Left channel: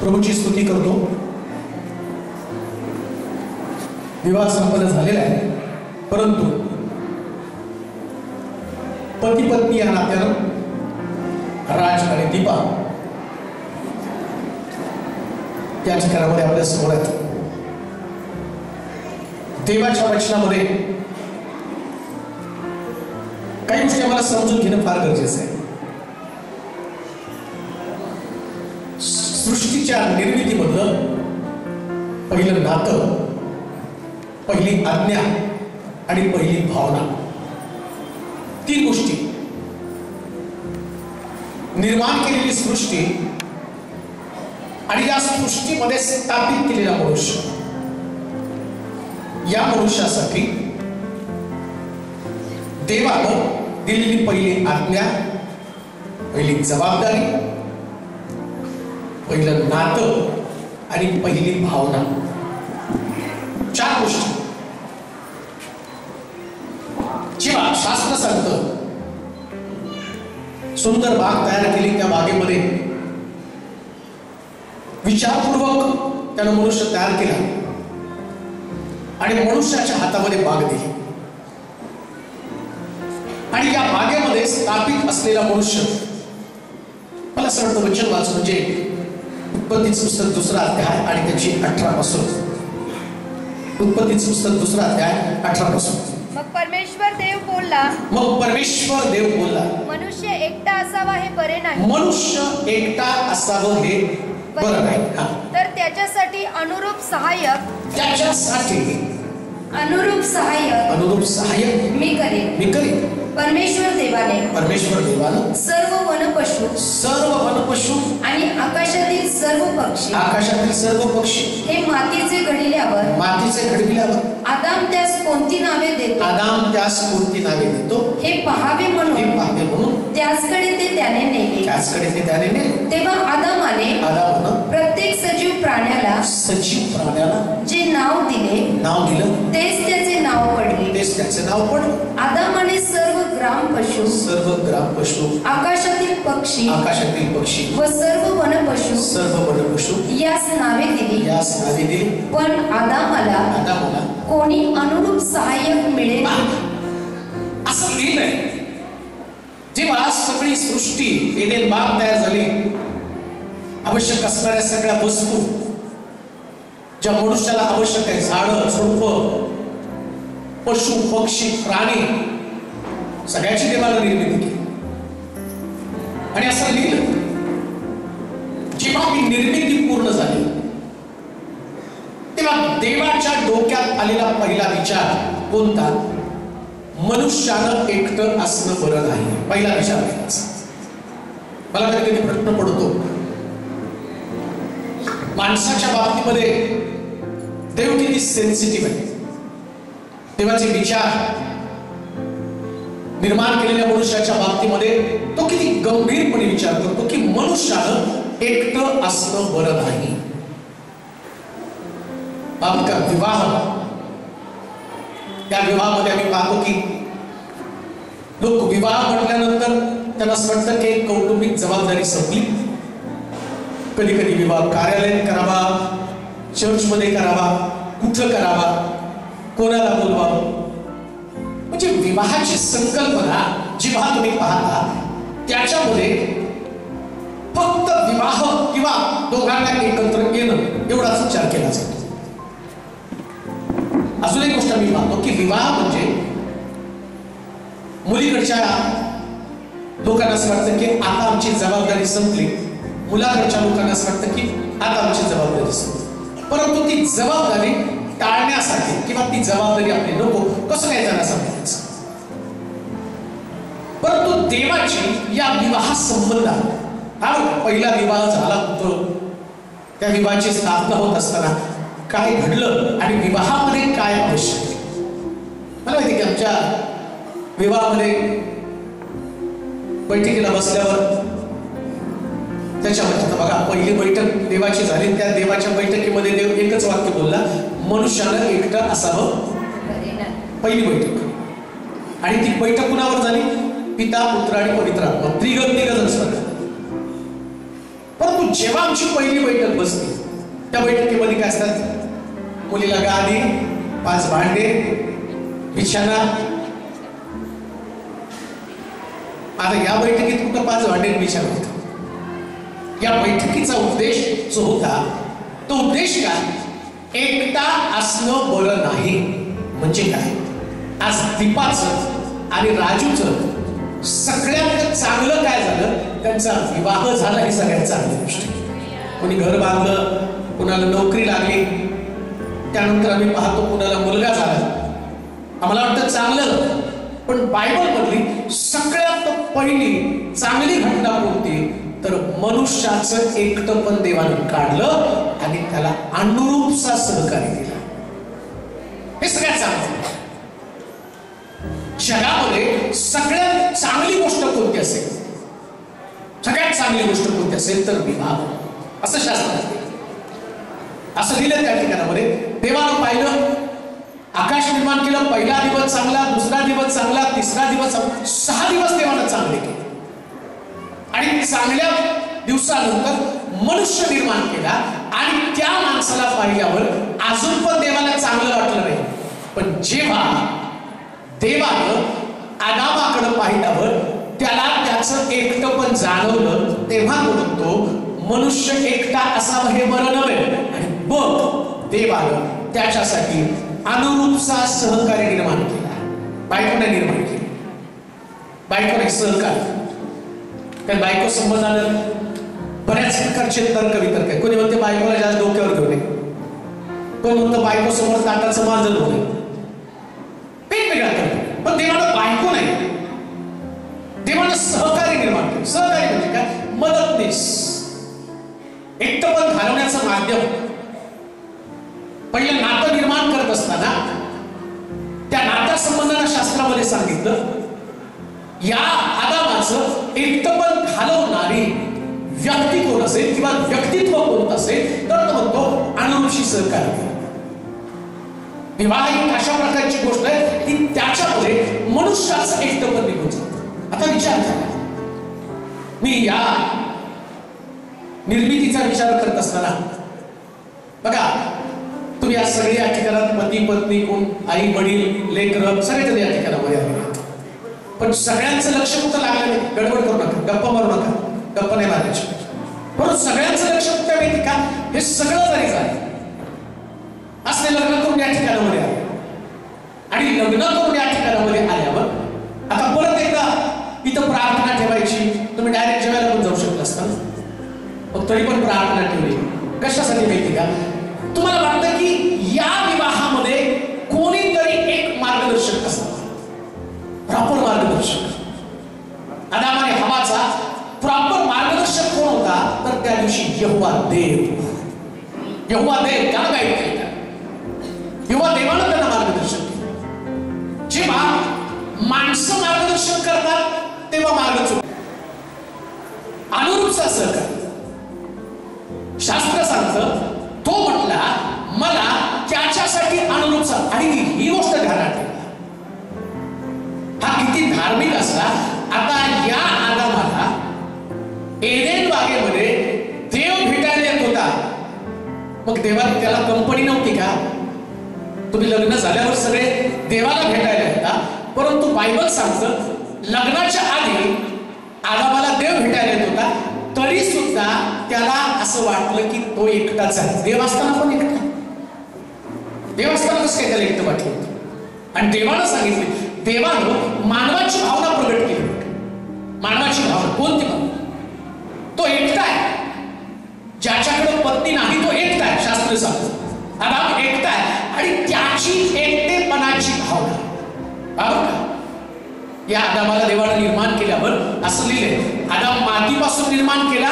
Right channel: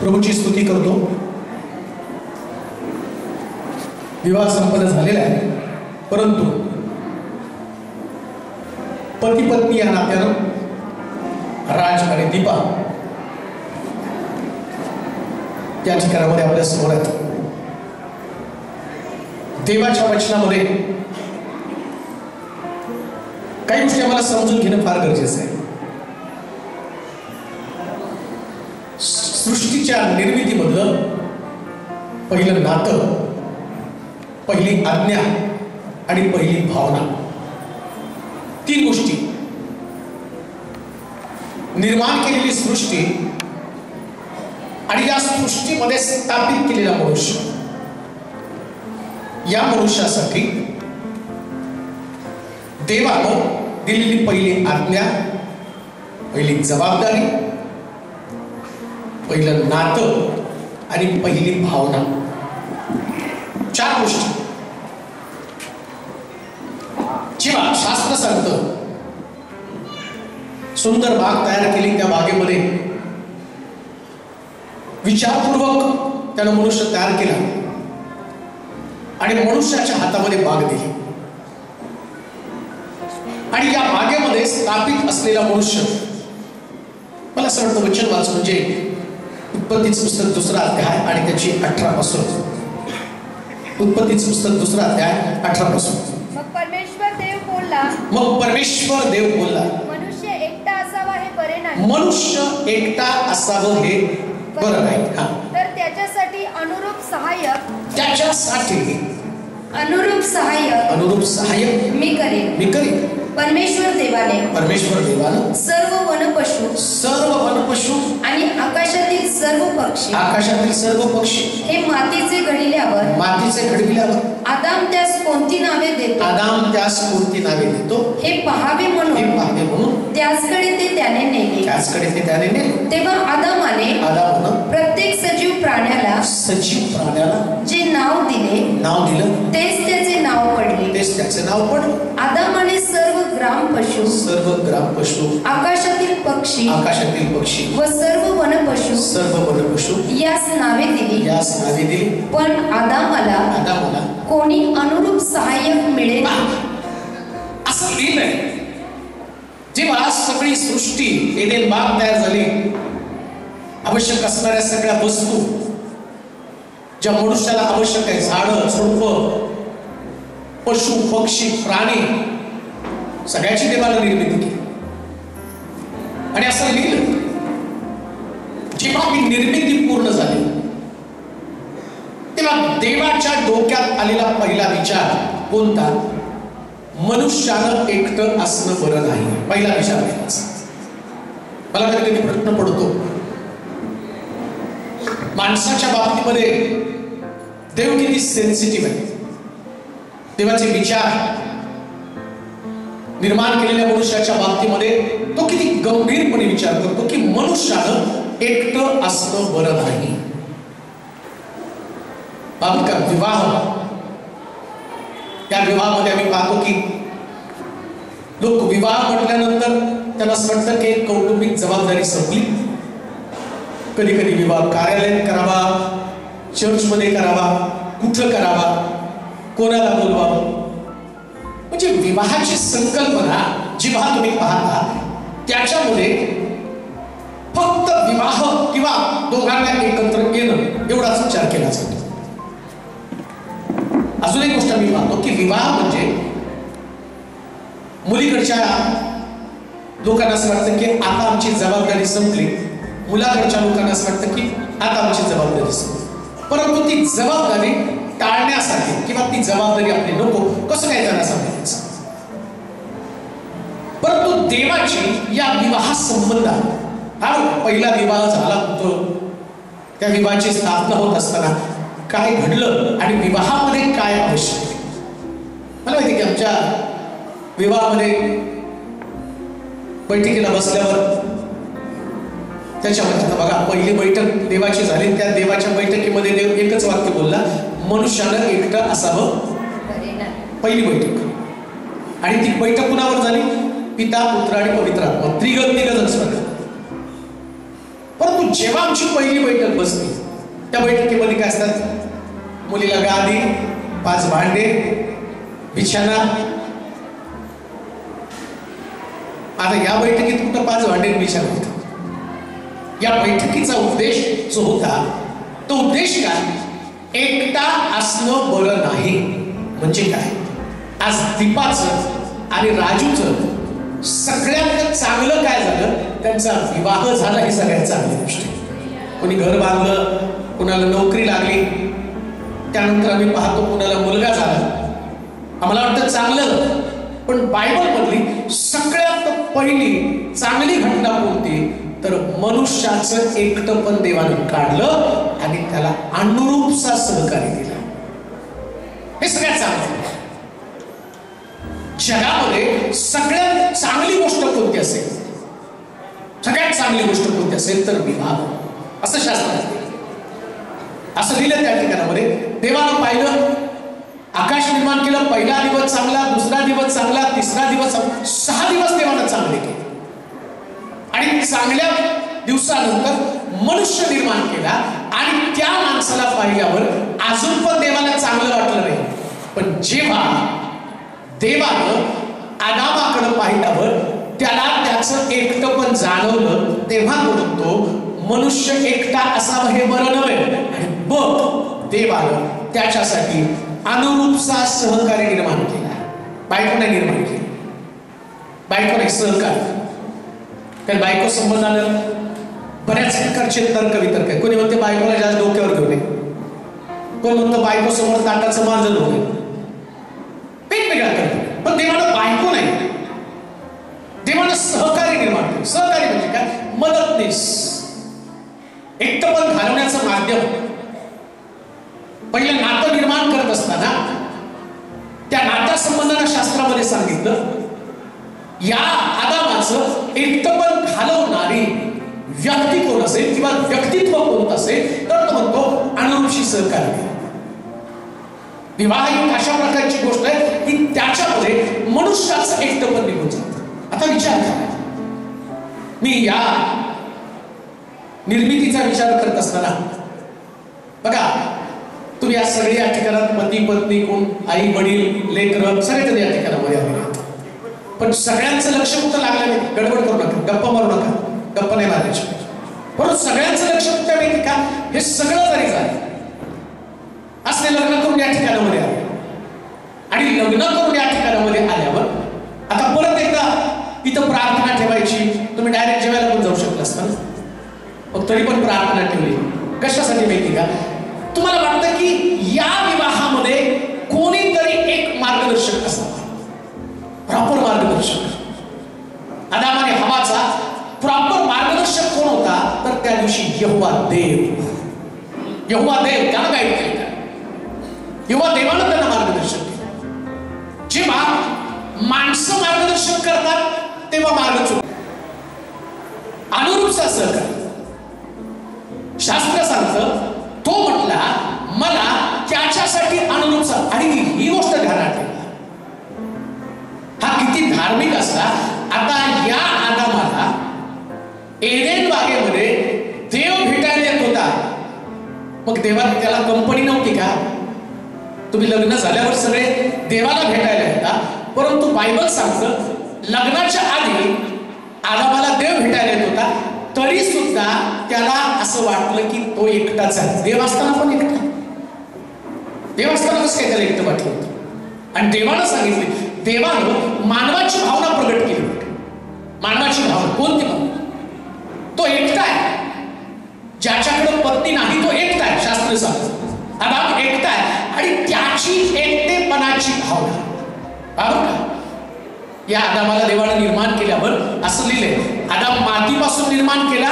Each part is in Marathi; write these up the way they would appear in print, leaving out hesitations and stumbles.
प्रभूची स्तुती करतो। विवाह संपन्न झालेला आहे, परंतु पती पत्नी या नात्यानं राज आणि दीपा या ठिकाणामध्ये आपल्या समोर आहेत। देवाच्या वचनामध्ये काही गोष्टी आम्हाला समजून घेणं फार गरजेचं आहे। सृष्टीच्या निर्मितीमधलं पहिलं नातं, पहिली आज्ञा आणि पहिली भावना, तीन गोष्टी निर्माण केलेली सृष्टी आणि या सृष्टीमध्ये स्थापित केलेला मनुष्य, या मनुष्यासाठी देवानं दिलेली पहिली आज्ञा, पहिली जबाबदारी, पहिलं नातं आणि पहिली भावना, चार गोष्टी। जेव्हा शास्त्र सांगतं सुंदर बाग तयार केली, त्या बागेमध्ये विचारपूर्वक त्यानं मनुष्य तयार केला आणि मनुष्याच्या हातामध्ये बाग दिली आणि या बागेमध्ये स्थापित असलेला मनुष्य, मला असं वाटतं वचन वाच म्हणजे उत्पत्तीचं पुस्तक 2रा अध्याय आणि त्याची 18 पासून, उत्पत्तीचं पुस्तक 2रा अध्याय 18 पासून। मग परमेश्वर देव बोलला, मनुष्य एकटा असावा हे बरे नाही, मनुष्य एकटा असावं हे बरं नाही, तर त्याच्यासाठी अनुरूप सहाय्यक मी करेन। परमेश्वर देवाने सर्व वनपशु आणि आकाशातील सर्व पक्षी हे मातीचे घडविल्यावर आदाम त्यास कोणती नावे देतो हे पहावे म्हणून त्याचकडे ते त्याने नेले। तेव्हा आदामाने प्रत्येक सजीव प्राण्याला जे नाव दिलं तेच त्याचे नाव पडले। आदामाने सर्व ग्राम पशु आकाशातील पक्षी व सर्व वनपशु यास नावे दिली, पण आदामाला कोणी अनुरूप सहाय्यक मिळेल असं लिहिलंय। जेव्हा सगळी सृष्टी एडेन बाग तयार झाली, आवश्यक असणाऱ्या सगळ्या वस्तू ज्या मनुष्याला आवश्यक आहे, झाडं झुडपं, पशु पक्षी प्राणी, सगळ्याची देवानं निर्मिती केली आणि असं लिहिलं, जेव्हा ही निर्मिती पूर्ण झाली तेव्हा देवाच्या डोक्यात आलेला पहिला विचार कोणता? मनुष्यानं एकटं असणं बरं नाही, पहिला विचार केला। मला कधी कधी प्रश्न पडतो, माणसाच्या बाबतीमध्ये देव किती सेन्सिटिव्ह आहे। देवाचे विचार निर्माण केलेल्या मनुष्याच्या बाबतीमध्ये तो किती गंभीरपणे विचार करतो की मनुष्यानं एकटं असणं बरं नाही। का विवाह, त्या विवाहामध्ये आम्ही पाहतो की लोक विवाह म्हटल्यानंतर त्यांना असं वाटतं की कौटुंबिक जबाबदारी संपली। कधी कधी विवाह कार्यालयात करावा, चर्चमध्ये करावा, कुठं करावा, कोणाला बोलवावं, म्हणजे विवाहाची संकल्पना जेव्हा तुम्ही पाहता त्याच्यामध्ये फक्त विवाह किंवा दोघांना एकत्र येणं एवढाच विचार केला जातो। अजून एक गोष्ट मी पाहतो की विवाह म्हणजे मुलीकडच्या लोकांना असं वाटतं की आता आमची जबाबदारी संपली, मुलाकडच्या लोकांना असं वाटतं की आता आमची जबाबदारी संपली, परंतु ती जबाबदारी टाळण्यासाठी किंवा ती जबाबदारी आपली नको कसं काय त्यांना सांगायचं। परंतु देवाची या विवाह संबंधात हा पहिला विवाह झाला होतो, त्या विवाहाची स्थापना होत असताना काय घडलं आणि विवाहामध्ये काय आवश्यक आहे। मला माहिती की आमच्या विवाहामध्ये बैठकीला बसल्यावर त्याच्यामध्ये बघा, पहिली बैठक देवाची झाली. त्या देवाच्या बैठकीमध्ये देव एकच वाक्य बोलला, मनुष्यानं एकटं असावं. पहिली बैठक. आणि ती बैठक कुणावर झाली? पिता, पुत्र आणि पवित्र आत्मा, त्रिगण सगळं. परंतु जेव्हा आमची पहिली बैठक बसली, त्या बैठकीमध्ये काय असतात? मुलीला गादी, 5 भांडे, बिछाना. आता या बैठकीत कुठं 5 भांडे बिछाना होता? या बैठकीचा उद्देश जो होता, तो उद्देश काय? एकटा असणं बरं नाही. म्हणजे काय? आज दीपाचं आणि राजूचं सगळ्यात चांगलं काय झालं? त्यांचा विवाह झाला. ही सगळ्यात चांगली गोष्ट आहे. कोणी घर बांधलं, कुणाला नोकरी लागली, त्यानंतर आम्ही पाहतो कुणाला मुलगा झाला. आम्हाला वाटतं चांगलं. पण बायबल मधली सगळ्यात पहिली चांगली घटना कोणती? तर मनुष्याचं एकटं पण देवाने काढलं आणि त्याला अनुरूपचा सहकार्य दिला. हे सगळ्यात चांगलं. जगामध्ये सगळ्यात चांगली गोष्ट कोणती असेल? सगळ्यात चांगली गोष्ट कोणती असेल तर विवाह, असं शास्त्रात असं लिहिलं त्या ठिकाणामध्ये. देवानं पाहिलं, आकाश निर्माण केलं. पहिला दिवस चांगला, दुसरा दिवस चांगला, तिसरा दिवस चांगला, 6 दिवस देवानं चांगले केले. आणि चांगल्या दिवसानंतर मनुष्य निर्माण केला. आणि त्या माणसाला पाहिल्यावर अजून पण देवाला चांगलं वाटलं नाही. पण जेव्हा देवानं आदामाकडे पाहिल्यावर त्याला त्याचं एकटं पण जाणवलं, तेव्हा म्हणतो मनुष्य एकटा असावं हे बरं नव्हे. आणि बघ, देवानं त्याच्यासाठी अनुरूपचा सहकार्य निर्माण केला. बायकोने निर्माण केली. बायकोने सहकार्य. कारण बायको संबंधानं बऱ्याच प्रकारचे तर्क वितर्क आहे. कोणी म्हणते बायकोला जास्त डोक्यावर घेऊ नये, कोण म्हणतो बायको समोर ताटाचं मांजर होऊ नये. वेगवेगळा तर्क. पण देवानं बायको नाही, देवानं सहकार्य निर्माण केलं. सहकार्य म्हणजे काय? मदतनीस, एकटंपण घालवण्याचं माध्यम. पहिलं नातं निर्माण करत असताना त्या नात्यासंबंधानं शास्त्रामध्ये सांगितलं, या आदामाचं एकटंपण घालवणारी व्यक्ती कोण असेल किंवा व्यक्तित्व कोणतं असेल तर तो म्हणतो अनुरूपशी सहकार्य. विवाह ही अशा प्रकारची गोष्ट आहे की त्याच्यामध्ये मनुष्याचं एकटंपण निघून जातं. आता विचार करा, मी या निर्मितीचा विचार करत असताना बघा, तुम्ही आज सगळे या ठिकाणात पती पत्नी, कोण आई वडील लेकरं सगळे या ठिकाणामध्ये आले. पण सगळ्यांचं लक्ष कुठं लागलं नाही. गडबड करू नका, गप्पा मारू नका, गप्पा नाही मारायची. परंतु सगळ्यांचं लक्ष कुठं माहिती का? हे सगळं जरी झालं असले लग्न करून या ठिकाणामध्ये आले. आणि लग्न करून या ठिकाणामध्ये आल्यावर आता परत एकदा इथं प्रार्थना ठेवायची. तुम्ही डायरेक्ट जेवायला पण जाऊ शकला असता, पण तरी पण प्रार्थना ठेवली. कशासाठी माहिती का? तुम्हाला वाटतं की या विवाहामध्ये कोणीतरी एक मार्गदर्शक असावा, प्रॉपर मार्गदर्शक. आदाम आणि हवाचा प्रॉपर मार्गदर्शक कोण होता? तर त्या दिवशी यहोवा देव. यहोवा देव त्यानं गाईड केलं. यहोवा देवानं त्यांना मार्गदर्शन केलं. जेव्हा माणसं मार्गदर्शन करतात तेव्हा मार्ग चुकतो. अनुरूपचा सहकार्य शास्त्र सांगतं. तो म्हटला मला त्याच्यासाठी अनुरूपचा. आणि ही गोष्ट ध्यानात ठेवा, हा किती धार्मिक असला. आता या आदामाला एदेन बागेमध्ये देव भेटायला येत होता. मग देवाने त्याला कंपनी नव्हती का? तुम्ही लग्न झाल्यावर सगळे देवाला भेटायला येतात. परंतु बायबल सांगतं लग्नाच्या आधी आदामाला देव भेटायला येत होता, तरी सुद्धा त्याला असं वाटलं की तो एकटाच आहे. देव असताना पण एकटा. देव असताना कसं काय त्याला एकटं वाटलं होतं? आणि देवानं सांगितले, देवानं मानवाची भावना प्रगट केली. मानवाची भावना कोणती भावना? तो एकटा आहे. ज्याच्याकडे पत्नी नाही तो एकटा आहे. शास्त्र सांगतं आदाम एकटा आहे आणि त्याची एकटेपणाची भावना. बरोबर का? या आदामाला देवानं निर्माण केल्यावर असं लिहिलंय, आदाम मातीपासून निर्माण केला.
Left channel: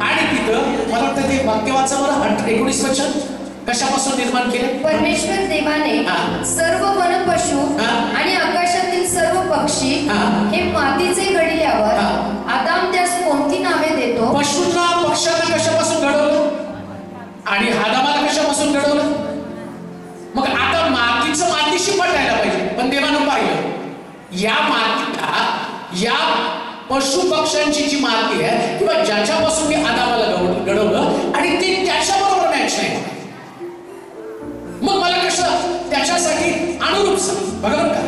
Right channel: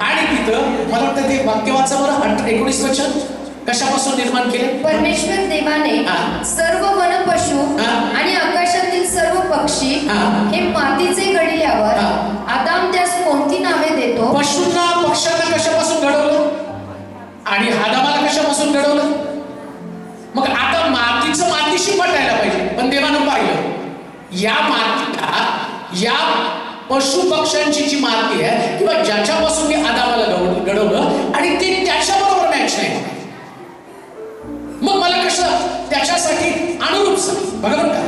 आणि तिथं मला वाटतं ते वाक्य वाचा बरं, 19 वचन. कशापासून निर्माण केले? परमेश्वर देवाने सर्व वनपशु आणि आकाशातील सर्व पक्षी हे मातीचे घडल्यावर या मातीला, या पशु पक्ष्यांची जी माती आहे किंवा ज्याच्यापासून मी आदामाला घडवलं आणि ते त्याच्याबरोबर मॅच नाही, मग मला कसं त्याच्यासाठी अनुरूप सांग. बघा का,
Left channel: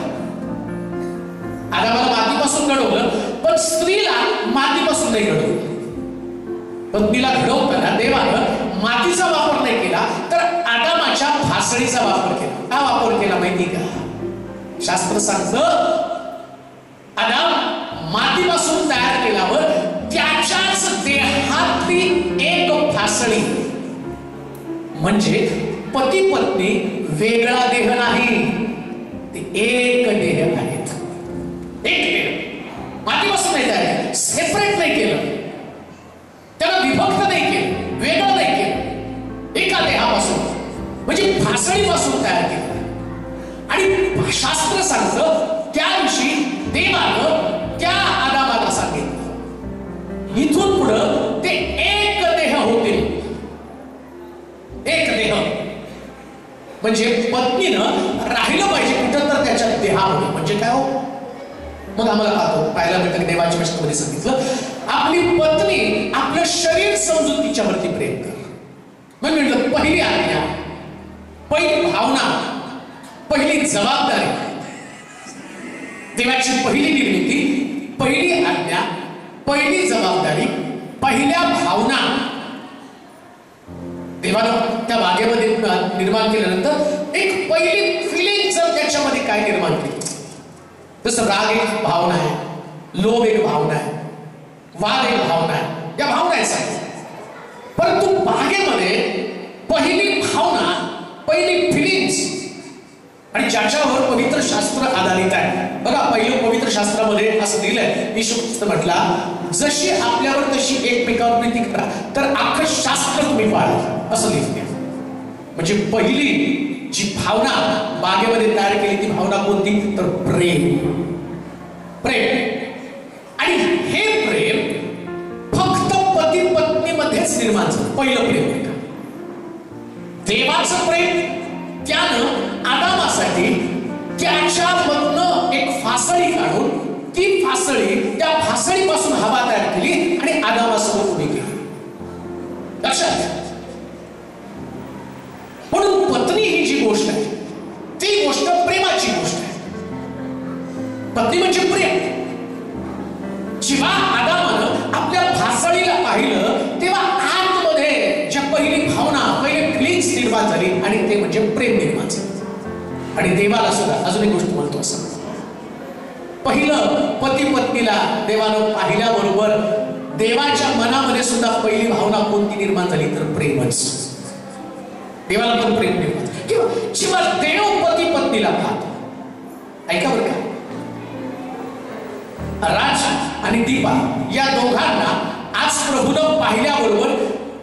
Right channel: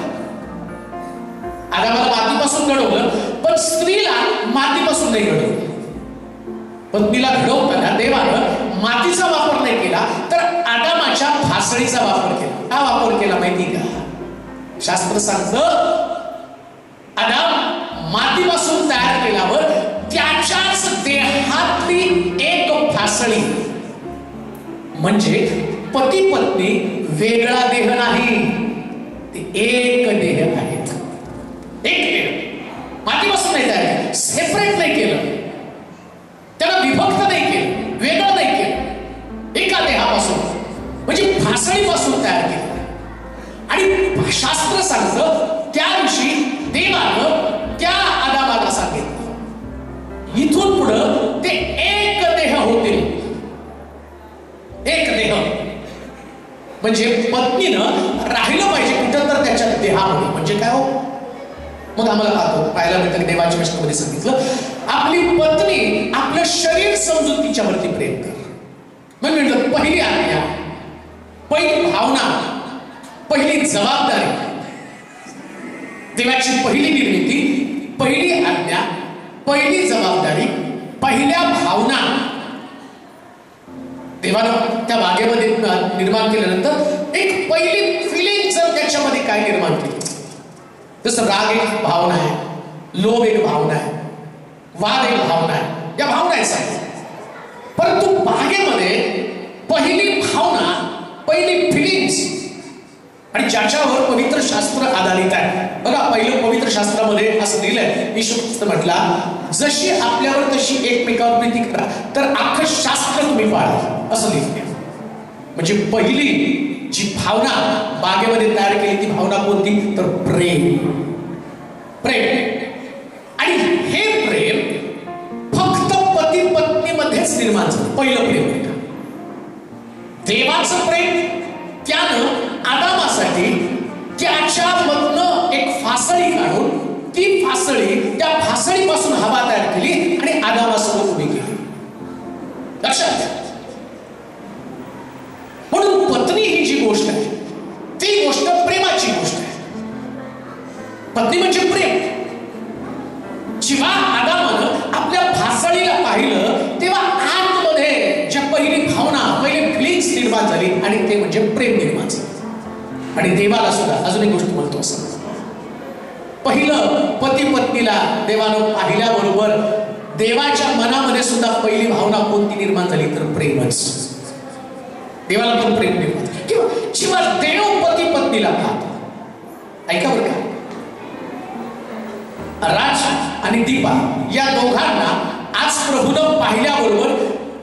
आदामाला मातीपासून घडवलं पण स्त्रीला मातीपासून नाही घडवलं. पत्नीला घडवताना देवानं मातीचा वापर नाही केला तर आदामाच्या फासळीचा वापर केला. का वापर केला माहिती का? शास्त्र सांगतं आदाम मातीपासून तयार केल्यावर त्याच्याच देहातली एक फासळी, म्हणजे पती पत्नी वेगळा देह नाही, ते एक देह आहेत. एक देह मातीपासून नाही तयार केलं, सेपरेट नाही केलं, त्याला विभक्त नाही केलं, वेगळं नाही केलं, एका देहापासून म्हणजे फासळीपासून तयार केलं. आणि शास्त्र सांगतं त्या दिवशी देवानं त्या आदामाला सांगितलं इथून पुढं ते एक देह होतील. एक देह म्हणजे पत्नीनं राहिलं पाहिजे कुठं तर त्याच्या देहामध्ये. म्हणजे काय हो? मग आम्हाला पाहायला मिळतं देवाच्या वचनामध्ये सांगितलं आपली पत्नी आपलं शरीर समजून तिच्यावरती प्रेम कर. मग म्हटलं पहिली आज्ञा, पहिली भावना, पहिली जबाबदारी, देवाची पहिली निर्मिती, पहिली आज्ञा, पहिली जबाबदारी, पहिल्या भावना देवानं त्या बागेमध्ये निर्माण केल्यानंतर एक पहिली फिलिंग जर त्याच्यामध्ये काय निर्माण केली, जसं राग एक भावना आहे, लोभ एक भावना आहे, वाद एक भावना आहे, या भावना आहेत सगळ्या. परंतु बागेमध्ये पहिली भावना, पहिली फिलिंग्स आणि ज्याच्यावर पवित्र शास्त्र आधारित आहे. बघा पहिलं पवित्र शास्त्रामध्ये असं दिलंय, येशू ख्रिस्त म्हटला जशी आपल्यावर तशी एकमेकावर प्रीती करा तर अख्खं शास्त्र तुम्ही पाळा, असं लिहिलंय. म्हणजे पहिली जी भावना बागेमध्ये तयार केली ती भावना कोणती तर प्रेम. प्रेम. आणि हे प्रेम फक्त पती पत्नीमध्येच निर्माण झालं. पहिलं प्रेम देवाचं प्रेम. त्यानं आदामासाठी त्याच्यामधनं एक फासळी काढून ती फासळी, त्या फासळीपासून हवा तयार केली आणि आदामासमोर उभी केली. लक्षात घ्या. म्हणून पत्नी ही जी गोष्ट आहे ती गोष्ट प्रेमाची गोष्ट आहे. पत्नी म्हणजे प्रेम. जेव्हा आदामानं आपल्या फासळीला पाहिलं तेव्हा आतमध्ये ज्या पहिली भावना, पहिली फिलिंग्स निर्माण झाली आणि ते म्हणजे प्रेम निर्माण झालं. आणि देवाला सुद्धा अजून एक गोष्ट म्हणतो असं, पहिलं पती पत्नीला देवानं पाहिल्याबरोबर देवाच्या मनामध्ये सुद्धा पहिली भावना कोणती निर्माण झाली तर प्रेमच. देवाला पण प्रेम निर्माण किंवा जेव्हा देव पती पत्नीला पाहतो, ऐका बरं का, राज आणि दीपा या दोघांना आज प्रभूनं पाहिल्याबरोबर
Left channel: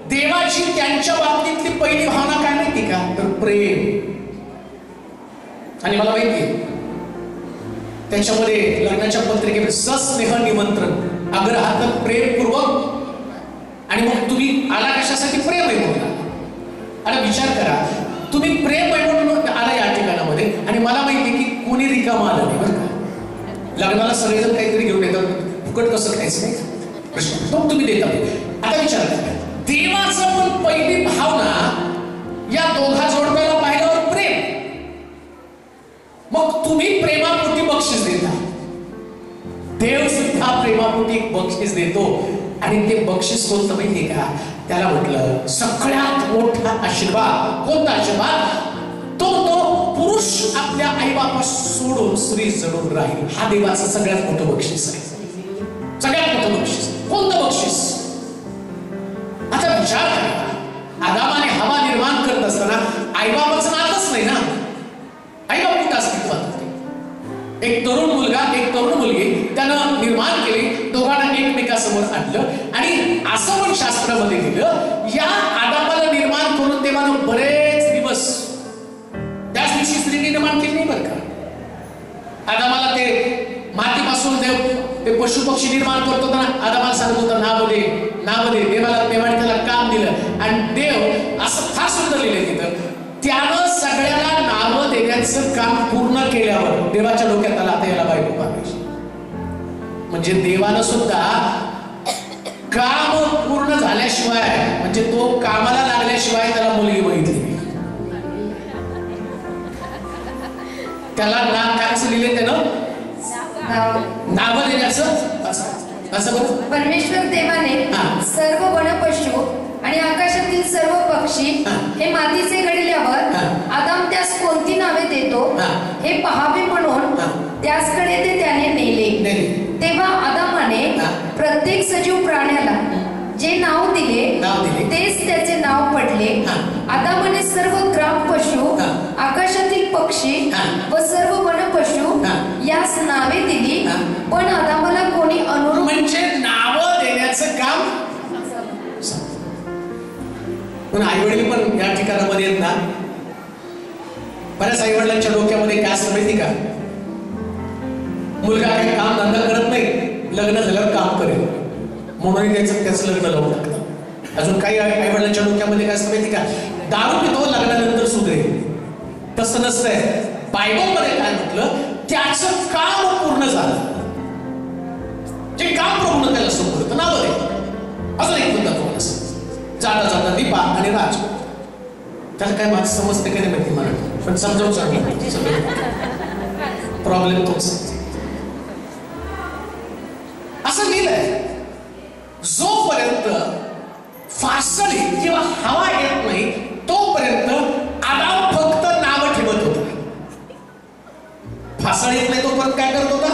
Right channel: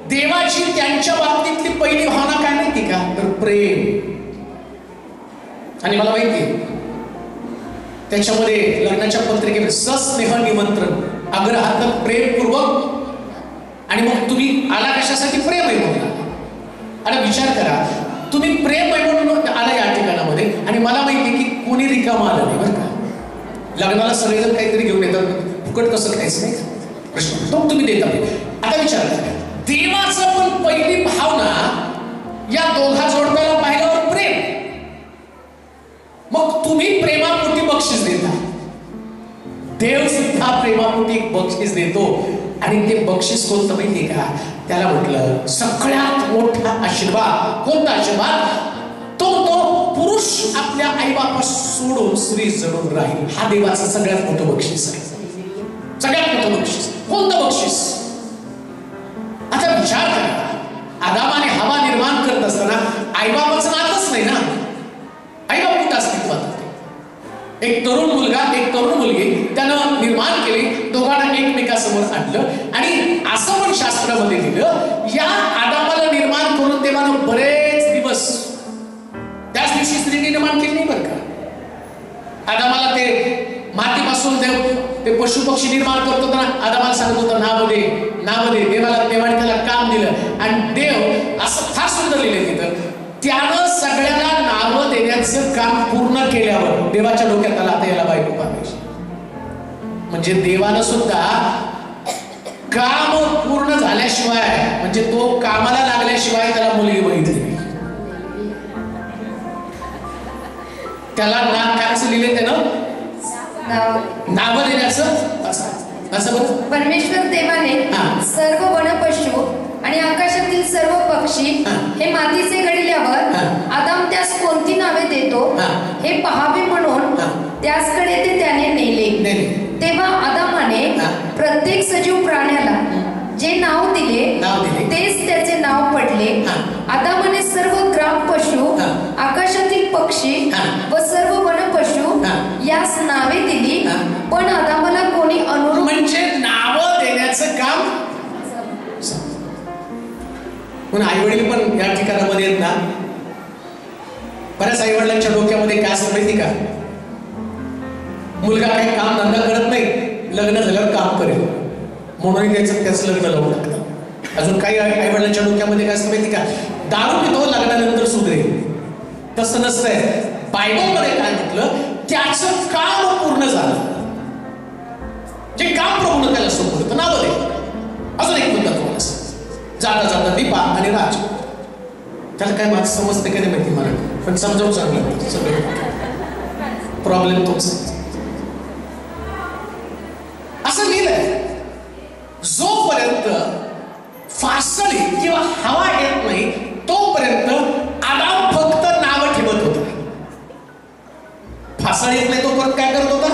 देवाची त्यांच्या बाबतीतली पहिली भावना काय माहिती का तर प्रेम. आणि मला माहिती त्याच्यामध्ये लग्नाच्या पत्रिकेमध्ये सस्नेह निमंत्रण, आग्रहार्थ, प्रेमपूर्वक. आणि मग तुम्ही आला कशासाठी? प्रेम आहे म्हणून. आणि विचार करा, तुम्ही प्रेम आहे म्हणून आला या ठिकाणामध्ये आणि मला माहिती की कोणी रिकामा आलं नाही बरं का. लग्नाला सगळेजण काहीतरी घेऊन येतात, फुकट कसं खायचं नाही प्रश्न तो तुम्ही देता. आता विचार करा, देवाचं पण पहिली भावना या दोघा जोडप्याला पाहिल्यावर प्रेम. मग तुम्ही प्रेमापोटी बक्षीस देता, देव सुद्धा प्रेमापोटी एक बक्षीस देतो. आणि ते बक्षीस कोणतं माहितीये का? त्याला म्हटलं सगळ्यात मोठा आशीर्वाद. कोणता आशीर्वाद? तो पुरुष आपल्या आईबापा सोडून स्त्री जडून राहील. हा देवाचं सगळ्यात मोठं बक्षीस आहे. सगळ्यात मोठं बक्षीस. कोणतं बक्षीस? आता विचार करा, आदामाने हवा निर्माण करत असताना आईबापाचं नातच नाही ना. आईबाप कुठं अस्तित्वात होते? एक तरुण मुलगा, एक तरुण मुलगी त्यानं निर्माण केली, दोघांना एकमेकासमोर आणलं. आणि असं पण शास्त्रामध्ये लिहिलं, या आदामाला निर्माण करून देवानं बरेच दिवस त्याच दिवशी स्त्री निर्माण केली नाही बरं का. आदामाला ते मातीपासून ते पशु पक्षी निर्माण करत होता ना, आदामाला सांगत होता नाव दे. देवाने त्याला काम दिलं. आणि देव असं फार सुंदर लिहिलं तिथं, त्यानं सगळ्याला नावं देण्याचं काम पूर्ण केल्यावर देवाच्या डोक्यात आला आता याला बायको पाहिजे. म्हणजे देवानं सुद्धा काम पूर्ण झाल्याशिवाय म्हणजे तो कामाला लागल्याशिवाय त्याला मुलगी बघितली नाही. त्याला नाकाचं लिहिले त्यानं नाव देण्याचं असं बरं. परमेश्वर देवाने सर्व वनपशु आणि आकाशातील सर्व पक्षी हे मातीचे घडल्यावर आदाम त्यास कोणती नावे देतो हे पहावे म्हणून त्याचकडे ते त्याने नेले. तेव्हा आदामाने प्रत्येक सजीव प्राण्याला जे नाव दिले तेच त्याचे नाव पडले. आदामाने सर्व ग्राम पशु आकाशातील पक्षी व सर्व वनपशु यास नावे दिली. पण आदामाला कोणी अनुरूप म्हणजे नाव देण्याचं काम. पण आई वडील पण या ठिकाणामध्ये आहेत ना. बऱ्याच आई वडिलांच्या डोक्यामध्ये काय असतं माहिती का, मुलगा काही काम धंदा करत नाही, लग्न झाल्यावर काम करेल म्हणून त्याचं लग्न लावून टाकतं. अजून काही आई वडिलांच्या डोक्यामध्ये काय असतं माहिती का, दारू पितो लग्नानंतर सुधरेल. तसं नसतंय. बायबलमध्ये काय म्हटलं, त्याचं काम पूर्ण झालं, जे काम प्रभूनं त्याला सोपवलं नाव दे. अजून एक मुद्दा तुम्हाला जाता जाता दीपा आणि राज, त्याला काय माझं समजते का नाही माहिती मला, पण समजावून सांगलं सगळं प्रॉब्लेम तोच. असं लिहिलंय, जोपर्यंत फासळी किंवा हवा येत नाही तोपर्यंत आदाम फक्त नाव ठेवत होता. फासळ येत नाही तोपर्यंत काय करत होता.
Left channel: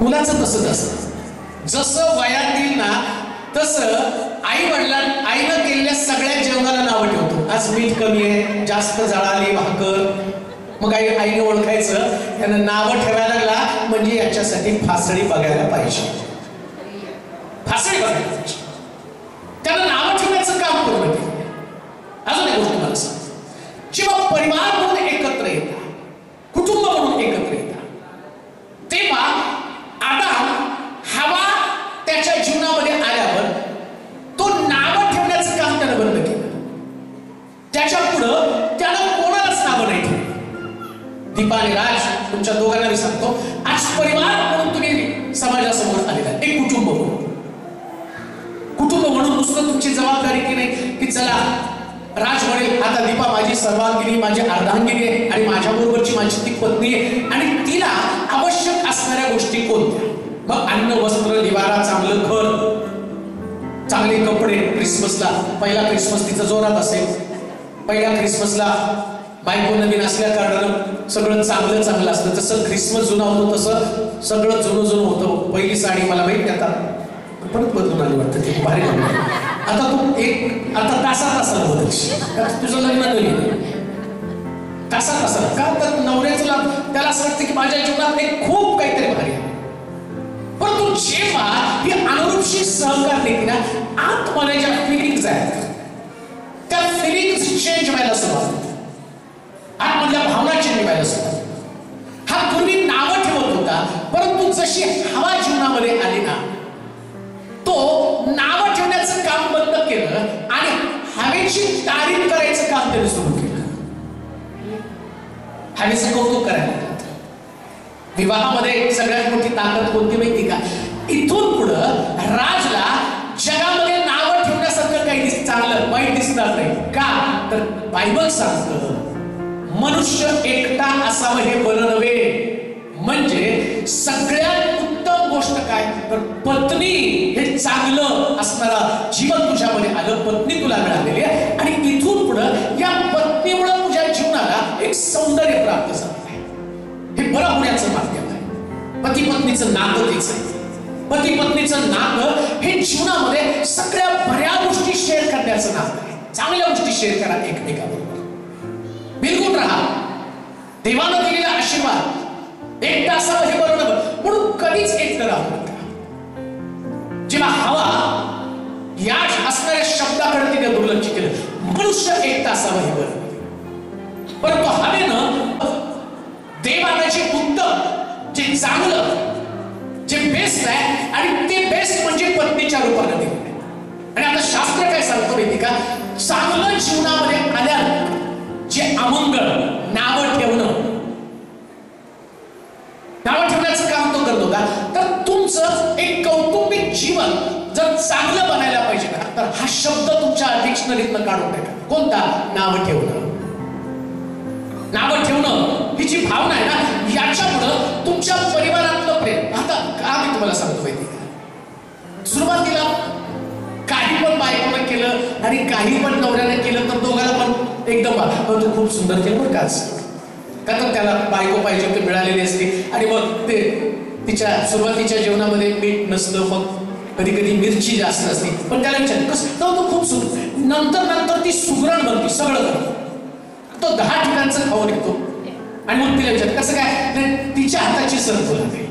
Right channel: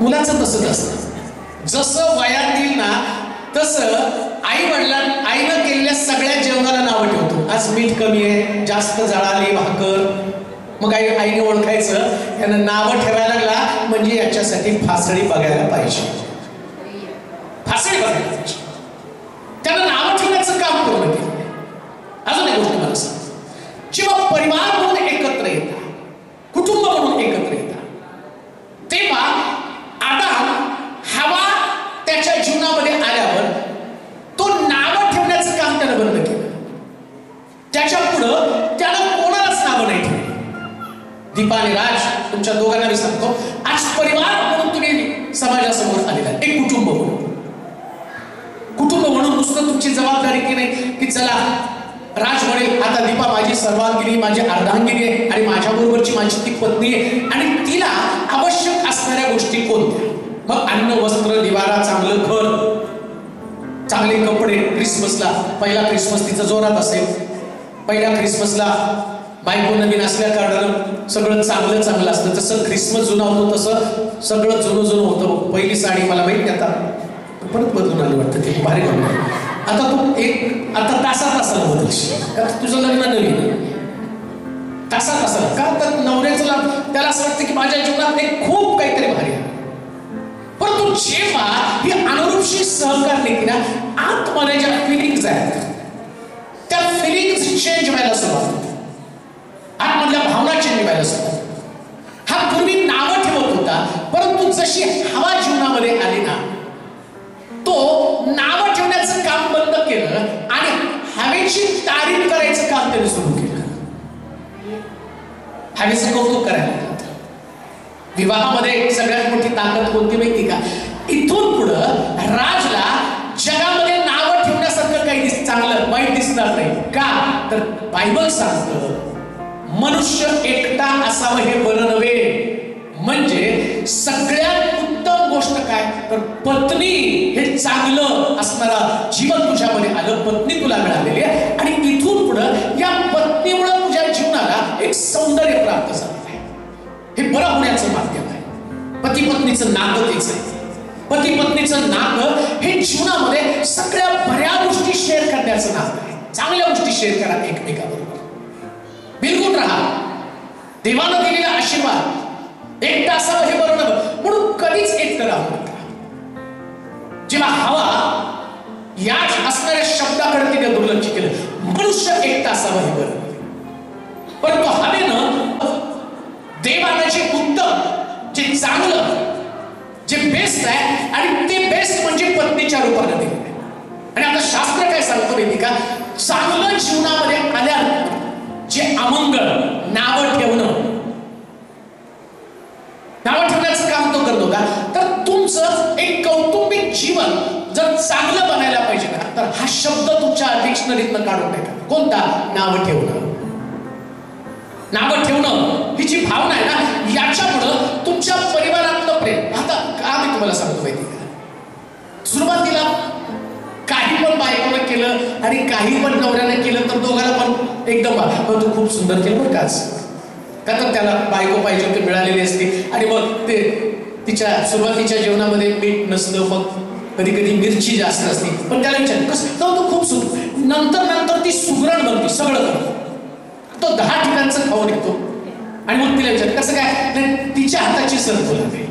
मुलाचं तसंच असतं, जसं वयात येईल ना तसं आईनं केलेल्या सगळ्या जेवणाला नावं ठेवतो. आज मीठ कमी आहे, जास्त जळाली भाकर, मग आईने ओळखायचं, त्यानं नावं ठेवायला लागला म्हणजे याच्यासाठी फासळी बघायला पाहिजे. फासळी बघायला पाहिजे, त्यानं नावं ठेवण्याचं काम पूर्ण केलं. अजून एक गोष्ट मला सांग, जेव्हा परिवार म्हणून एकत्र येतात, कुटुंब म्हणून एकत्र येतात, तेव्हा आदाम हवा त्याच्या जीवनामध्ये आल्यावर तो नावं ठेवण्याचं काम त्यानं बंद केलं. त्याच्या पुढं त्यानं कोणालाच नावं नाही ठेवली. दीपा आणि राज, तुमच्या दोघांना मी सांगतो, आज परिवार म्हणून तुम्ही समाजासमोर आलेला आहे, एक कुटुंब म्हणून. कुटुंब म्हणून नुसतं तुमची जबाबदारी की नाही की चला राज म्हणेल आता दीपा माझी सर्वांगिनी, माझी अर्धांगिनी आहे आणि माझ्या बरोबरची माझी ती पत्नी आहे आणि तिला आवश्यक असणाऱ्या गोष्टी कोणत्या, मग अन्न वस्त्र निवारा, चांगलं घर, चांगले कपडे. क्रिसमसला पहिला क्रिसमस तिचा जोरात असेल, पहिल्या क्रिसमसला बायको नवीन असल्या कारणानं सगळं चांगलं चांगलं असतं. जसं क्रिसमस जुना होतो तसं सगळं जुनं होतं. पहिली साडी मला माहित नाही, आता परत बदलून आली वाटतं, ते भारी लागलं. आता तू आता तासाला बदलशील, तुझं लग्न नवीन तासाला का, तर नवऱ्याचं त्याला असं वाटतं की माझ्या जीवनात एक खूप काहीतरी भारी आहे. परंतु जेव्हा ही अनुरूपशी सहकार नाही ना, आतमध्ये ज्या फिलिंग्स आहेत त्या फिलिंग्स चेंज व्हायला सुरुवात, आतमधल्या भावना चेंज व्हायला सुरुवात. हा पूर्वी नावं ठेवत होता, परंतु जशी हवा जीवनामध्ये आली ना, तो नावं ठेवण्याचं काम बंद केलं आणि हवेची तारीफ करायचं काम त्याने सुरू केलं. हवेचं कौतुक करायला लागलं. विवाहामध्ये सगळ्यात मोठी ताकद कोणती माहिती का, इथून पुढं राजला जगामध्ये नावं ठेवण्यासारखं काही चांगलं वाईट दिसणार नाही. का तर बायबल सांगतं मनुष्य एकटा असावं हे बरं नव्हे. म्हणजे सगळ्यात उत्तम गोष्ट काय तर पत्नी हे चांगलं असणारा जीवन तुझ्यामध्ये आलं, पत्नी तुला मिळालेली आहे आणि इथून पुढं या पत्नीमुळे तुझ्या जीवनाला एक सौंदर्य प्राप्त झालं आहे. हे बरं होण्याचं माध्यम आहे. पती पत्नीचं नातं तेच आहे. पती पत्नीचं नातं हे जीवनामध्ये सगळ्या बऱ्या गोष्टी शेअर करण्याचं नातं आहे. चांगल्या गोष्टी शेअर करा एकमेकाबरोबर, बिलकुल राहा. देवानं दिलेला आशीर्वाद एकटा असावं हे बरं नव्हतं म्हणून कधीच एकटं राहू नका. जेव्हा हवा या असणाऱ्या शब्दाकडे तिने दुर्लक्ष केलं, मनुष्य एकटा असावं हे बरं, परंतु हवेनं देवानं जे उत्तम, जे चांगलं, जे बेस्ट आहे आणि ते बेस्ट म्हणजे पत्नीच्या रूपाने दिलं. आणि आता शास्त्र काय सांगतो माहिती का, चांगलं जीवनामध्ये आल्यावर जे अमंगळ नावं ठेवण्याचं काम तो करतो का, तर तुमचं एक कौटुंबिक जीवन जर चांगलं बनायला पाहिजे ना, तर हा शब्द तुमच्या डिक्शनरीतनं काढून टाका. कोणता? नावं ठेवणं. नावं ठेवणं ही जी भावना आहे ना, याच्यामुळं तुमच्या परिवारातलं प्रेम. आता का मी तुम्हाला सांगतो माहिती का, सुरुवातीला काही पण बायकोनं केलं आणि काही पण नवऱ्याने केलं तर दोघांना पण एकदम तू खूप सुंदर केलं बरं काच, का तर त्याला बायको पाहिजे ते मिळालेली असते. आणि मग ते तिच्या सुरुवातीच्या जेवणामध्ये मीठ नसतं, मग कधी कधी मिरची जास्त असते, पण त्याला विचार कसं तो खूप सुंदर. नंतर ती सुगरण बनते, सगळं करतो, तो 10 ठिकाणचं खाऊन येतो. आणि मग तिला विचार कसं काय, तिच्या हाताची सर बोलते.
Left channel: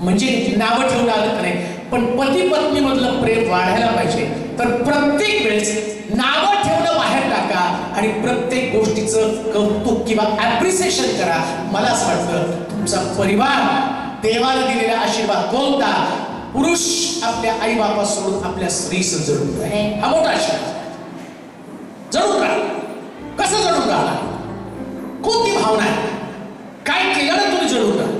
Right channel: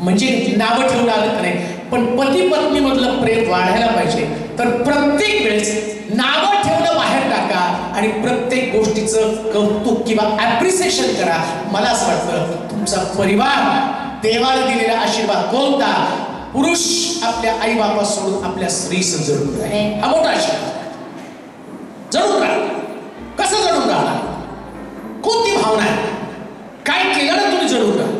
म्हणजे नावं ठेवून आलं का नाही, पण पती पत्नी मधलं प्रेम वाढायला पाहिजे तर प्रत्येक वेळेस नावं ठेवणं बाहेर टाका आणि प्रत्येक गोष्टीचं कौतुक किंवा ऍप्रिसिएशन करा. मला असं वाटतं तुमचा परिवार देवाला दिलेला आशीर्वाद कोणता, पुरुष आपल्या आई बाबा सोडून आपल्या स्त्रीचं जडून राहे. हा मोठा आशीर्वाद. जडून राहा. कसं जडून राहणार, कोणती भावना आहे, काय केलं ना तुम्ही जडून राहा.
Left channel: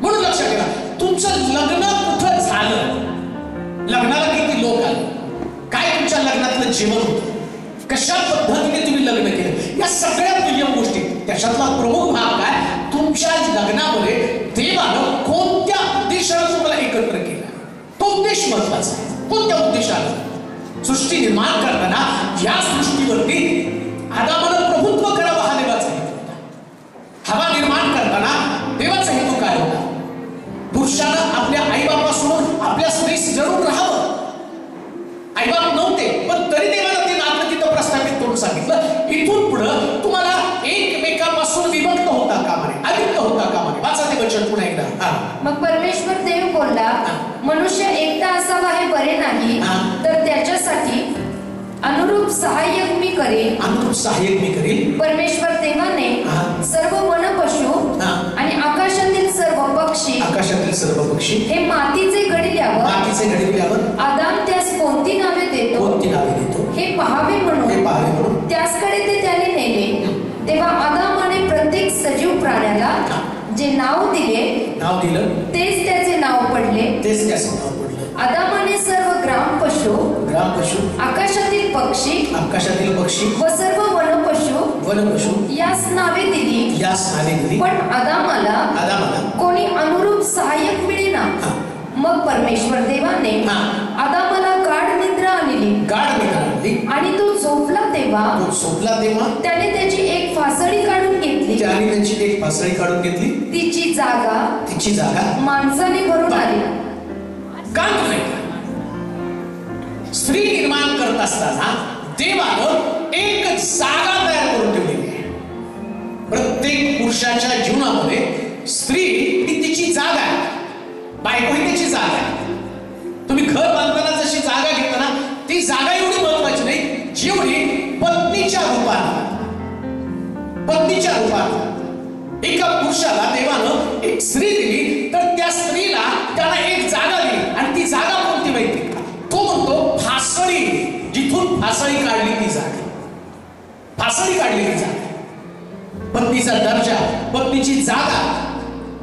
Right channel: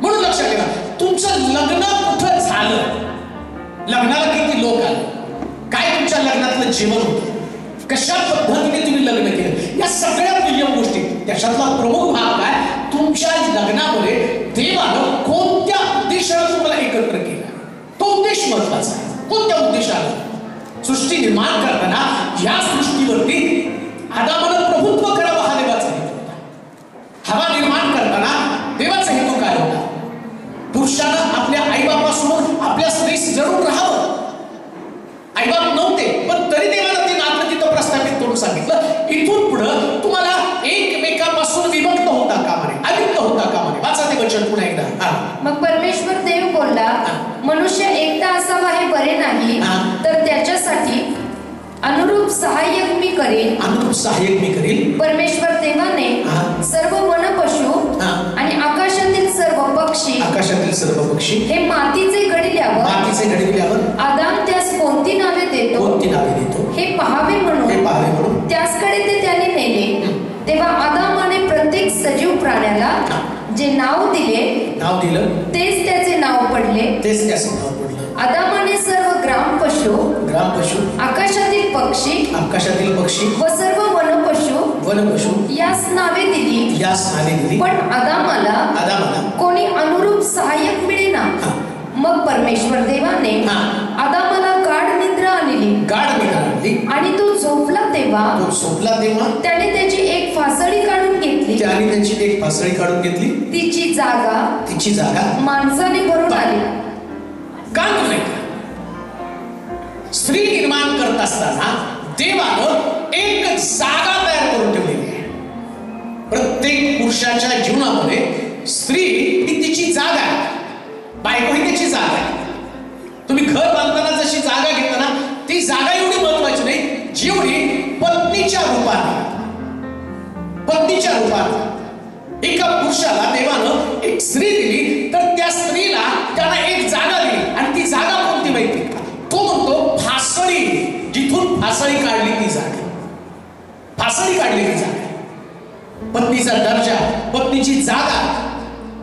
म्हणून लक्षात ठेवा, तुमचं लग्न कुठं झालं, लग्नाला किती लोक आले, काय तुमच्या लग्नातलं जीवन होतं, कशा पद्धतीने तुम्ही लग्न केलं, या सगळ्या दुय्यम गोष्टी. त्याच्यातला प्रमुख भाग काय, तुमच्या लग्नामध्ये देवानं कोणत्या उद्देशाला तुम्हाला एकत्र केलं, तो उद्देश महत्वाचा आहे. कोणत्या उद्देशाला? सृष्टी निर्माण करताना या सृष्टीवरती आदामानं प्रभुत्व करावं हा देवाचा हेतू होता. हवा निर्माण करताना देवाचा हेतू काय होता, पुरुषानं आपल्या आईबापासोबत आपल्या स्त्रीस जडून राहावं. आईबाप नव्हते पण तरी देवानं ते नातं तिथं प्रस्थापित करून सांगितलं, इथून पुढं तुम्हाला एकमेकापासून विभक्त होता कामा नये, अलिप्त होता कामा नये. वाचा ते वचन पुन्हा एकदा. मग परमेश्वर देव बोलला, मनुष्य एकटा असावा हे बरे नाही, तर त्याच्यासाठी अनुरूप सहाय्यक मी करेन. अनुरूप सहाय्यक मी करेन. परमेश्वर देवाने सर्व वनपशु आणि आकाशातील सर्व पक्षी हे मातीचे घडविल्यावर आदाम त्यास कोणती नावे देतो हे पाहावे म्हणून त्याचकडे ते त्याने नेले. तेव्हा आदामाने प्रत्येक सजीव प्राण्याला जे नाव दिलं तेच त्याचे नाव पडले. आदामाने सर्व ग्राम पशु आकाशातील पक्षी व सर्व वनपशु यास नावे दिली. पण आदामाला कोणी अनुरूप सहाय्यक मिळेना. मग परमेश्वर देवाने आदामाला गाढ निद्रा आणली आणि तो झोपला तेव्हा त्याने त्याची एक फासळी काढून घेतली. तिची जागा माणसाने भरून आली. स्त्री निर्माण करत असताना देवानं एक जागा तयार करून ठेवलेली आहे. प्रत्येक पुरुषाच्या जीवनामध्ये स्त्री ही तिची जागा आहे, बायको ही त्याची जागा आहे. तुम्ही घर बांधताना जशी जागा घेता ना, ती जागा एवढी महत्वाची नाही जेवढी पत्नीच्या रूपाने एका पुरुषाला देवानं एक स्त्री दिली, तर त्या स्त्रीला त्यानं एक जागा दिली. आणि ती जागा कोणती माहिती का? तो म्हणतो फासळी, जिथून फासळी काढली ती जागा. पत्नीचा दर्जा, पत्नीची जागा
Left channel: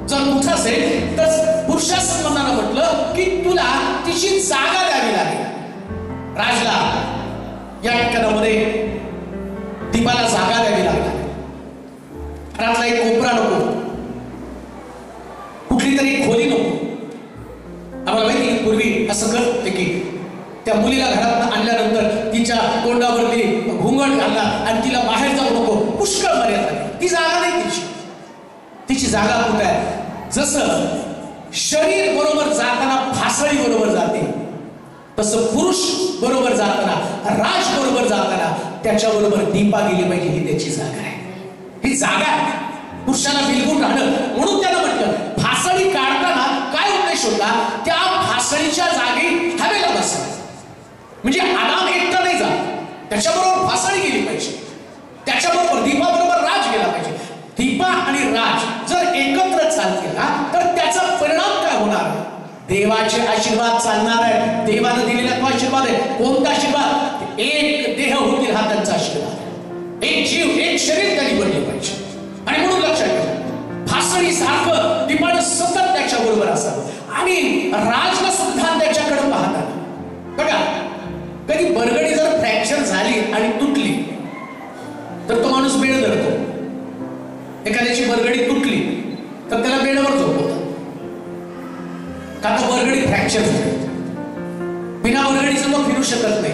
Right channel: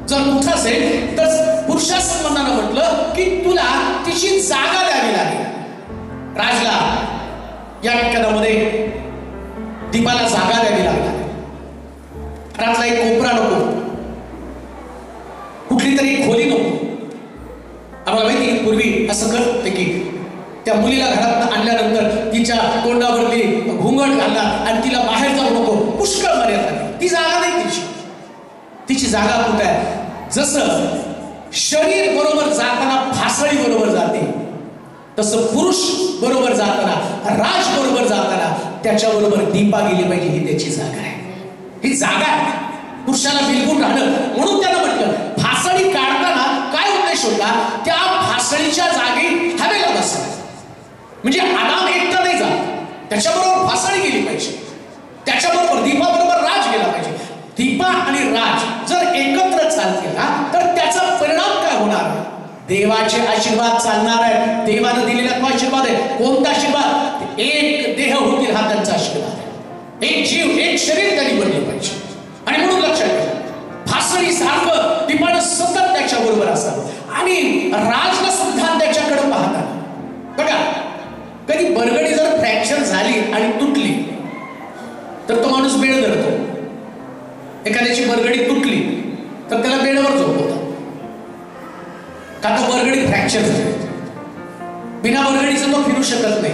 जर कुठं असेल तर पुरुषा संबंधानं म्हटलं की तुला तिची जागा द्यावी लागेल. राजला या ठिकाणामध्ये दीपाला जागा द्यावी लागली. राजला एक कोपरा नको, कुठली तरी खोली नको. आम्हाला माहिती पूर्वी असं करते की त्या मुलीला घरात आणल्यानंतर तिच्या तोंडावरती घुंगट घालला आणि तिला बाहेर जाऊ नको, पुष्कळ मर्यादा. ती जागा नाही तिची जागा कुठे आहे? जसं शरीर बरोबर जाताना फासळी बरोबर जाते, तसं पुरुष बरोबर जाताना, राज बरोबर जाताना त्याच्याबरोबर दीपा गेली पाहिजे. ही त्याची जागा आहे. ही जागा आहे पुरुषाला बिलकुल राहणं. म्हणून त्याला म्हटलं फासळी काढताना काय उद्देश होता, त्या फासळीच्या जागी हवेला बसवा. म्हणजे आदाम एकटा नाही जात, त्याच्याबरोबर फासळी गेली पाहिजे, त्याच्याबरोबर दीपाबरोबर राज गेला पाहिजे. दीपा आणि राज जर एकत्र चालतील ना, तर त्याचा परिणाम काय होणार? देवाचे आशीर्वाद चालणार आहे. देवानं दिलेला तो आशीर्वाद आहे. कोणता आशीर्वाद? एक देह होतील हा त्यांचा आशीर्वाद. एक जीव एक शरीर त्यांनी बनलं पाहिजे. आणि म्हणून लक्षात ठेवा, फासळी सारखं दीपानं सतत त्याच्या बरोबर असावं आणि राजला सुद्धा त्याच्याकडे पाहता. बघा, कधी बरगडी जर फ्रॅक्चर झाली आणि तुटली तर तो माणूस बेड धरतो. एखाद्याची बरगडी तुटली तर त्याला बेडवर झोपवतात, का तर बरगडी फ्रॅक्चर झाली. बिना बरगडीचं तो फिरू शकत नाही.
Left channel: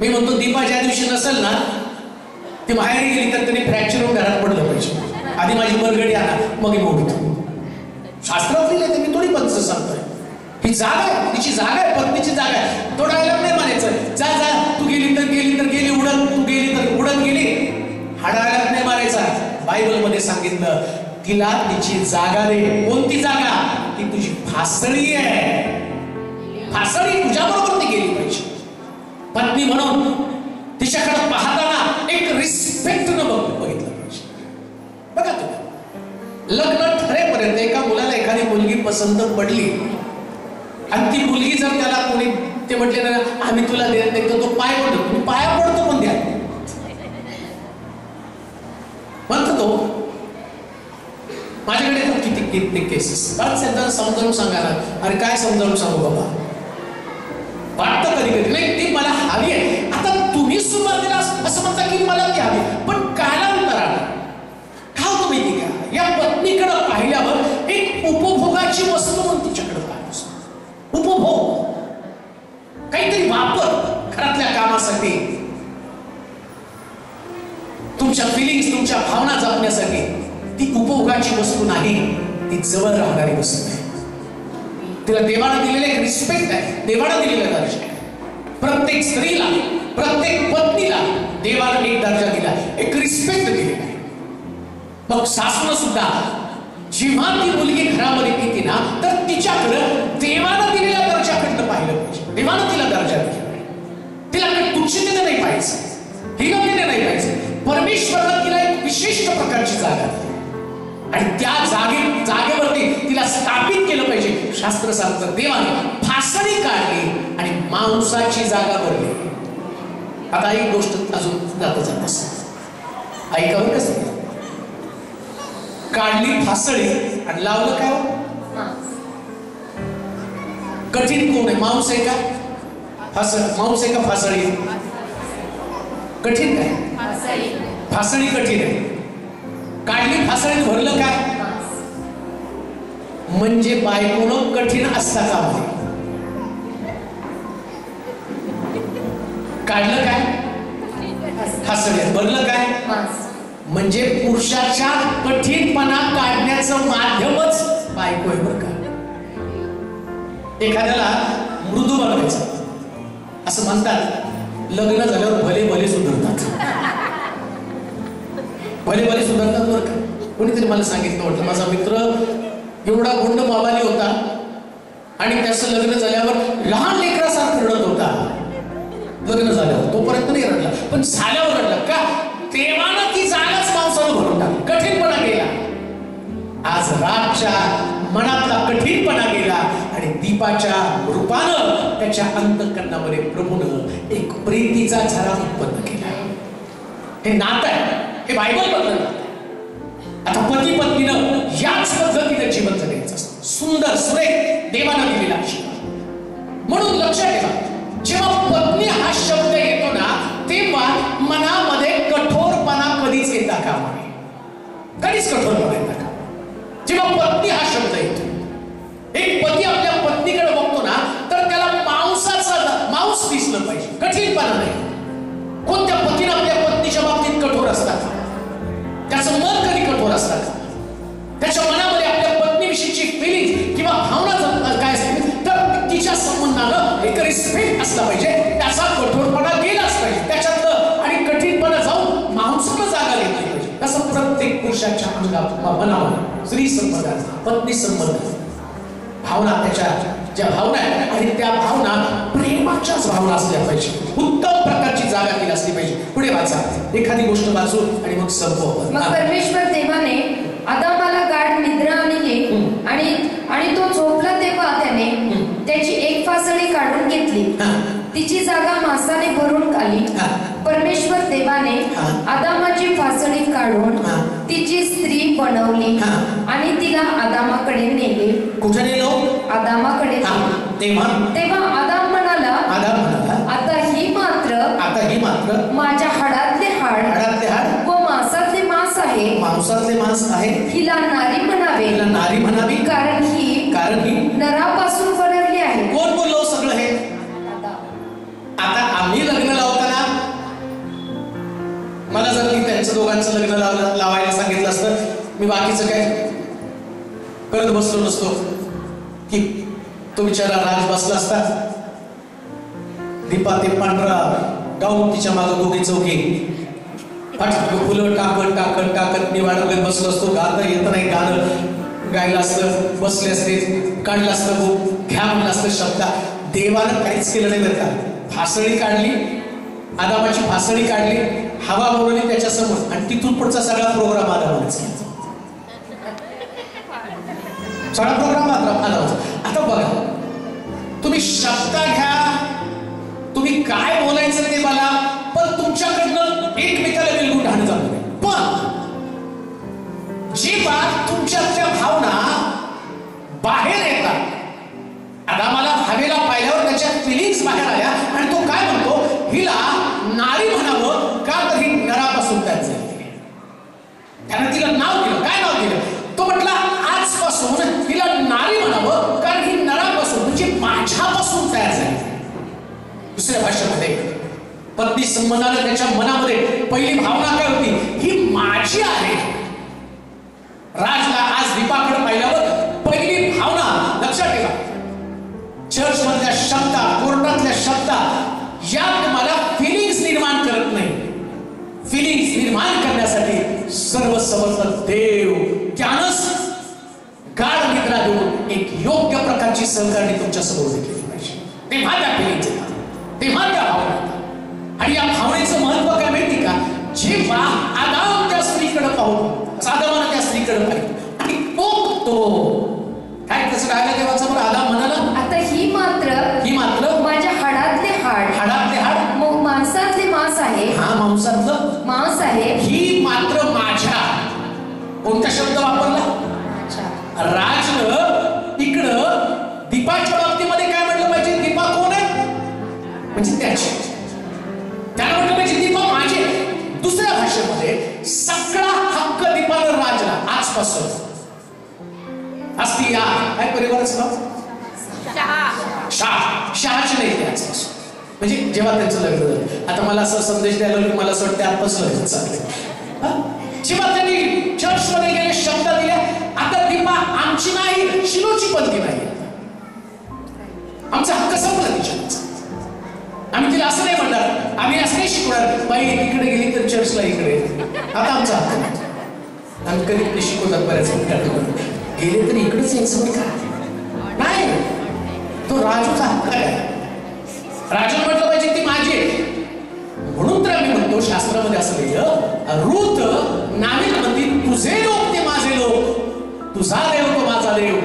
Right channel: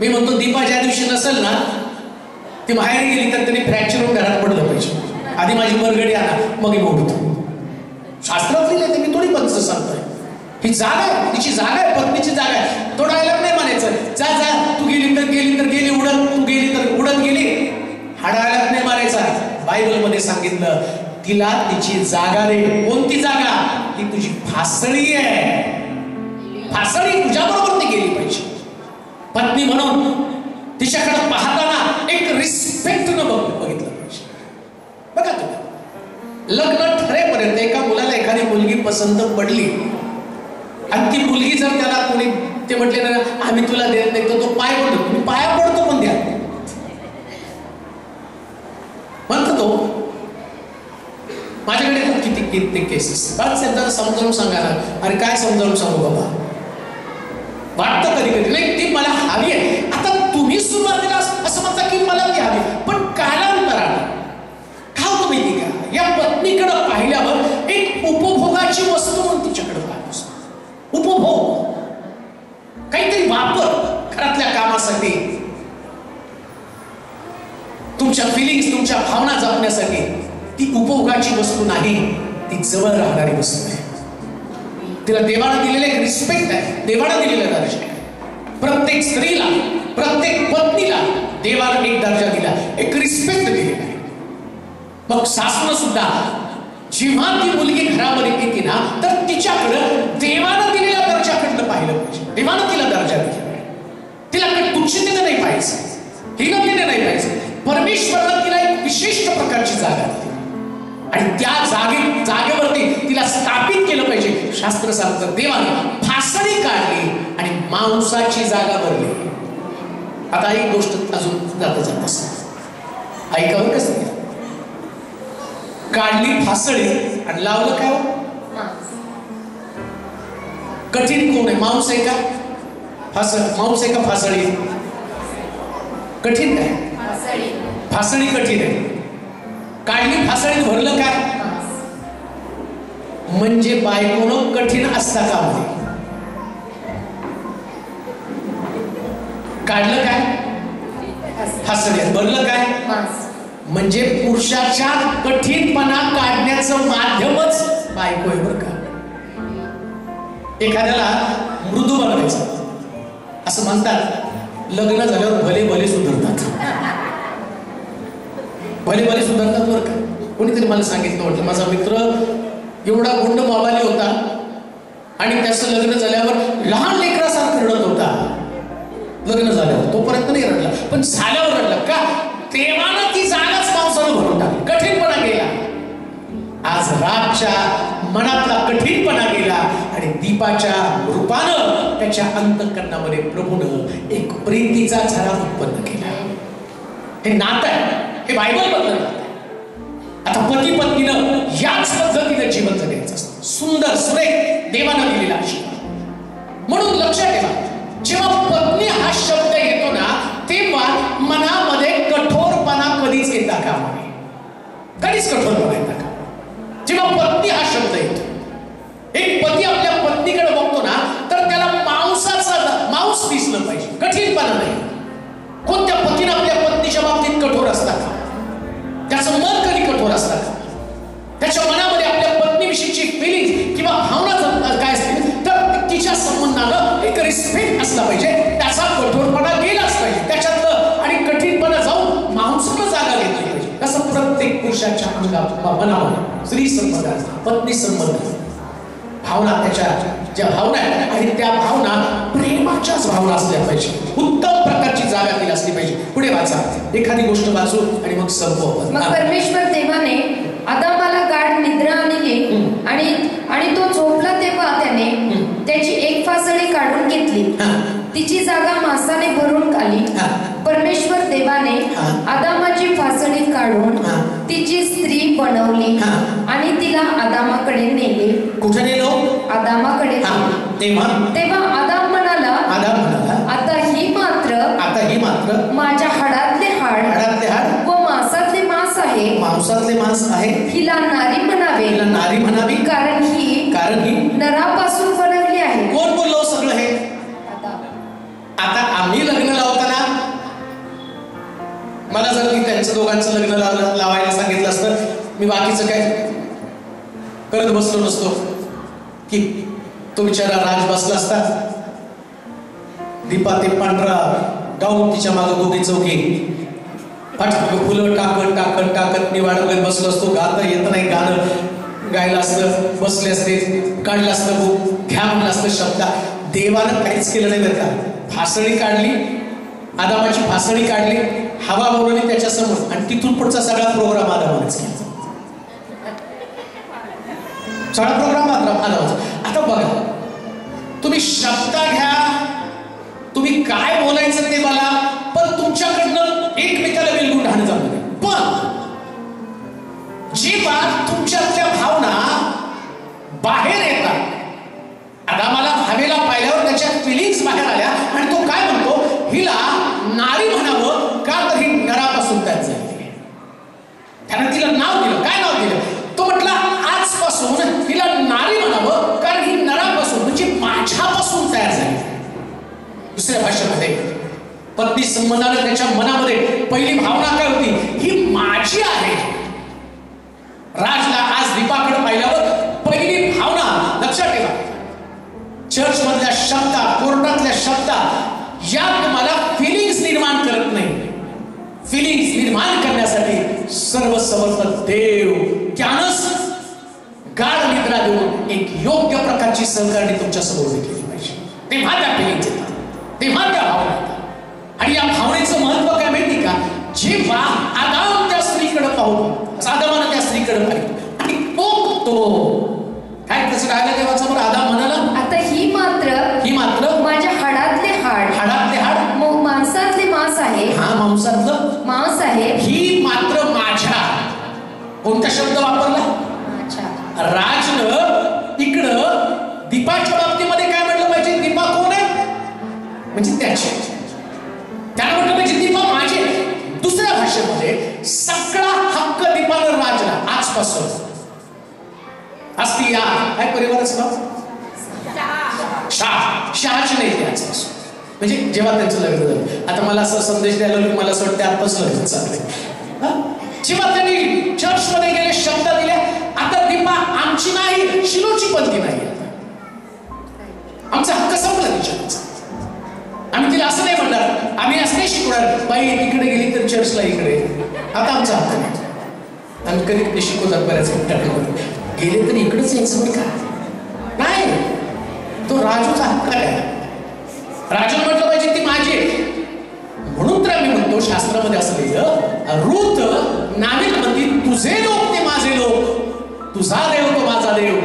मी म्हणतो दीपा ज्या दिवशी नसेल ना, ती बाहेर गेली तर त्यांनी फ्रॅक्चर होऊन घरात पडलं पाहिजे. आधी माझी बरगडी आणा मग मी उठतो. शास्त्रात लिहिलंय ते, मी थोडी पंच सांगतोय. ही जागा आहे, तिची जागा आहे, पत्नीची जागा आहे. तो डायलॉग नाही म्हणायचं, जा जा तू गेली तर गेली उडत, तू गेली तर उडत गेली. हा डायलॉग नाही मारायचा. बायबल मध्ये सांगितलं तिला तिची जागा रे. कोणती जागा? ती तुझी फासळी आहे. फासळी तुझ्या बरोबर ती गेली पाहिजे. पत्नी म्हणून तिच्याकडे पाहताना एक रिस्पेक्टनं बघितलं पाहिजे. बघा तुम्ही, लग्न ठरेपर्यंत एका मुलाला एखादी मुलगी पसंत पडली आणि ती मुलगी जर त्याला कोणी ते म्हटले ना आम्ही तुला देत नाही, तर तो पाय पडतो. तुम्ही पाया पडतो पण द्या म्हणतो तो. माझ्याकडे किती किती केसेस. बरं त्यांना समजावून सांगा ना. अरे काय समजावून सांगू बाबा, वाटतं कधी कधी नाही ती मला हवी आहे. आता तुम्ही सुरुवातीला असं म्हणता की मला ती हवी, पण कालांतराने काय होतं माहिती का, या पत्नीकडे पाहिल्यावर एक उपभोगाची वस्तू म्हणून तिच्याकडे पाहतो. उपभोग, काहीतरी वापर घरातल्या कामासाठी, तुमच्या फिलिंग्स तुमच्या भावना जपण्यासाठी. ती उपभोगाची वस्तू नाही, ती जवळ राहणारी वस्तू आहे. तिला देवानं दिलेलं एक रिस्पेक्ट आहे, देवानं दिलेला दर्जा आहे. प्रत्येक स्त्रीला प्रत्येक पत्नीला देवानं एक दर्जा दिला, एक रिस्पेक्ट दिलेला आहे. मग सासून सुद्धा जेव्हा ती मुलगी घरामध्ये येते ना, तर तिच्याकडं देवानं दिलेल्या दर्जाकडनं पाहिलं पाहिजे. देवानं तिला दर्जा दिला, तिला काही तुच्छतेने नाही पाहिजे, हिलवलेने नाही पाहिजे. परमेश्वरानं तिला एक विशिष्ट प्रकारची जागा दिली आणि त्या जागेवरती तिला स्थापित केलं पाहिजे. शास्त्र सांगतं देवाने फासळी काढली आणि मांसाची जागा भरली. आता एक गोष्ट अजून जात असत ऐकावं कसं. काढली फासळी आणि लावलं काय? कठीण कोण आहे? मांस आहे का मांस आहे का फासळी? कठीण काय? फासळी कठीण आहे. काढली फासळी, भरलं काय? म्हणजे बायकोनं कठीण असता का म्हणे. काढलं काय? फासळी. भरलं काय? म्हणजे पुरुषाच्या कठीणपणा काढण्याचं माध्यमच बायको आहे बरं का. एखाद्याला मृदू बनवायचं असं म्हणतात, लग्न झाल्यावर भले भले सुधारतात. भले भले सुधारतात बरं का. कोणीतरी मला सांगितलं, वाटलं माझा मित्र एवढा गुंड मावाली होता आणि त्याचं लग्न झाल्यावर लहान लेकरासारखं रडत होता. लग्न झाल्यावर तोपर्यंत नाही रडला, पण झाल्यावर रडला का? देवानं ती जागाच माणसानं भरून टाकली. कठीणपणा गेला. आज राजच्या मनातला कठीणपणा गेला आणि दीपाच्या रूपानं त्याच्या अंतःकरणामध्ये प्रभूनं एक प्रीतीचा झरा उत्पन्न केला. हे नातं आहे, हे बायबल बद्दल. आता पती पत्नीनं याच पद्धतीने जीवन जगायचं असतं. सुंदर सुरेख देवानं दिलेला आशीर्वाद. म्हणून लक्षात ठेवा, जेव्हा पत्नी हा शब्द येतो ना, तेव्हा मनामध्ये कठोरपणा कधीच येता कामा नये. कधीच कठोरपणा येता कामा. जेव्हा पत्नी हा शब्द येतो, एक पती आपल्या पत्नीकडे बघतो ना, तर त्याला मांस दिसलं पाहिजे, कठीणपणा नाही. कोणत्या पतीनं आपल्या पत्नीच्या बाबतीत कठोर असतात? त्याचं मन कधी कठोर असतात? त्याच्या मनामध्ये आपल्या पत्नीविषयीची फिलिंग किंवा भावना काय असतील तर तिच्या संबंधानं एक रिस्पेक्ट असला पाहिजे. त्याचा कठोरपणा गेलाच पाहिजे त्याच्यातलं आणि कठीणपणा जाऊन मांसाला जागा घेतली पाहिजे. तसं प्रत्येक पुरुषाच्या मनामध्ये स्त्री संबंधात, पत्नी संबंधात भावना, त्याच्या ज्या भावना आहेत आणि त्या भावना प्रेमाच्याच भावना असल्या पाहिजे. उत्तम प्रकारची जागा तिला असली पाहिजे. पुढे वाचा, एखादी गोष्ट वाचू आणि मग संपव. मग परमेश्वर देवाने आदामाला गाढ निद्रा आणली आणि तो झोपला तेव्हा त्याने त्याची एक फासळी काढून घेतली. तिची जागा मांसाने भरून काढली. परमेश्वर देवाने आदामाची फासडी काढून तिची स्त्री बनवली आणि तिला आदामाकडे नेले. कुठे नेलो? आदामाकडे. तेव्हा आदाम म्हणाला, आता ही मात्र माझ्या हाडातले हाड व मांसातले मांस आहे. हिला नारी म्हणावे, कारण ही नरापासून बनवली आहे. कोण बोललो सगळं हे? आता आम्ही लग्न लावताना मला जर मी त्यांचं दोघांचं लग्न लावायला सांगितलं असतं, मी बाकीचं काय करत बसलो नसतो की तो बिचारा राज बसला असता. दीपा ते पांढरा गाऊन तिच्या मागं दोघे चौघे फुलं टाकत मी वाढवत बसलो असतो. गाणं येत नाही, गाणं गायला असतं, बसले असते, काढलं असतं, घ्या म्हणलं असतं शब्द. देवानं काहीच केलं नाही बरं का. फासळी काढली, आदामाची फासळी काढली, हवा बोलवली त्याच्यासमोर आणि तिथून पुढचा सगळा प्रोग्राम आदामानेच केला. सगळा प्रोग्राम आदामाचा. आता बघा, तुम्ही शब्द घ्या, तुम्ही काय बोलायचं ते मला, पण तुमच्याकडनं एकमेकाला बिलकुल ढाण जाऊ नये. पण जी बात तुमच्यातल्या भावना बाहेर येतात, आदामाला हवेला पाहिल्यावर त्याच्या फिलिंग्स बाहेर आल्या आणि तो काय म्हणतो, हिला नारी म्हणावं का, तर ही नरापासून तयार झाली. त्यानं तिला नाव दिलं. काय नाव दिलं? तो म्हटला, आजपासून हिला नारी म्हणावं कारण ही नरापासून म्हणजे माझ्यापासून तयार झाली. दुसऱ्या भाषेमध्ये पत्नी संबंधाने त्याच्या मनामध्ये पहिली भावना काय होती, ही माझी आहे. राजला आज दीपाकडे पाहिल्यावर पहिली भावना, लक्षात ठेवा, चर्च मधल्या शब्दा, कोर्टातल्या शब्दा या तुम्हाला फिलिंग्स निर्माण करत नाही. फिलिंग्स निर्माण करण्यासाठी सर्वसमर्थ देव त्यानंच गाढ निद्रा देऊन एक योग्य प्रकारची सहकार्य तुमच्या समोर केली पाहिजे. तेव्हा त्या फिलिंग्स येतात, तेव्हा त्या भावना येतात. आणि या भावनेचं महत्व काय माहिती का? जेव्हा आदाम त्या स्त्रीकडे पाहतो, आदामानं त्या स्त्रीकडे पाहिलं आणि तो काय कसं राहिलं देवाचं बरं. आदाम म्हणाला, आता ही मात्र माझ्या हाडातले हाड मांसातले मांस आहे. मांसातलं मांस आहे. ही मात्र माझ्या. कोणता शब्द वापरला? राजनं इकडं दीपाच्या बाबतीमध्ये काय म्हटलं पाहिजे? दीपा कोण आहे? म्हणजे त्याची. त्यानं म्हटलं पाहिजे दीपा माझी. दुसऱ्या भाषेमध्ये सगळा हक्क दीपानं राजला आजपासून असती. या काय परिवाराचं नाव? शहाची नाही आजपासून. म्हणजे जेव्हा त्यांचं लग्न झालं. आता मला असं संदेश द्यायला की मला असं वाटतं आत्ताच लग्न चाललंय. जेव्हा त्यांनी चर्च मध्ये गेले, शब्द दिले, आता दीपा आमची नाही, शिलोची पण ती नाही. आमचा हक्क संपला तिच्या. आम्ही तिला असं नाही म्हणणार, आम्ही असं नाही शिकवणार, बाई इकडे गेली तर चर्चला इकडे. आता आमचा हक्क नाही. आम्ही कधी शिकवतात बऱ्याच मिनिटात, गेले तर इकडेच यायचं का नाही. तो राजूचा हक्क आहे. राजू म्हटलं पाहिजे ती माझी. म्हणून तर आम्ही म्हणतो शास्त्रामध्ये असं लिहिलं, रूत नाविलमध्ये तुझे लोक ते माझे लोक, तुझा देव तो माझा देव,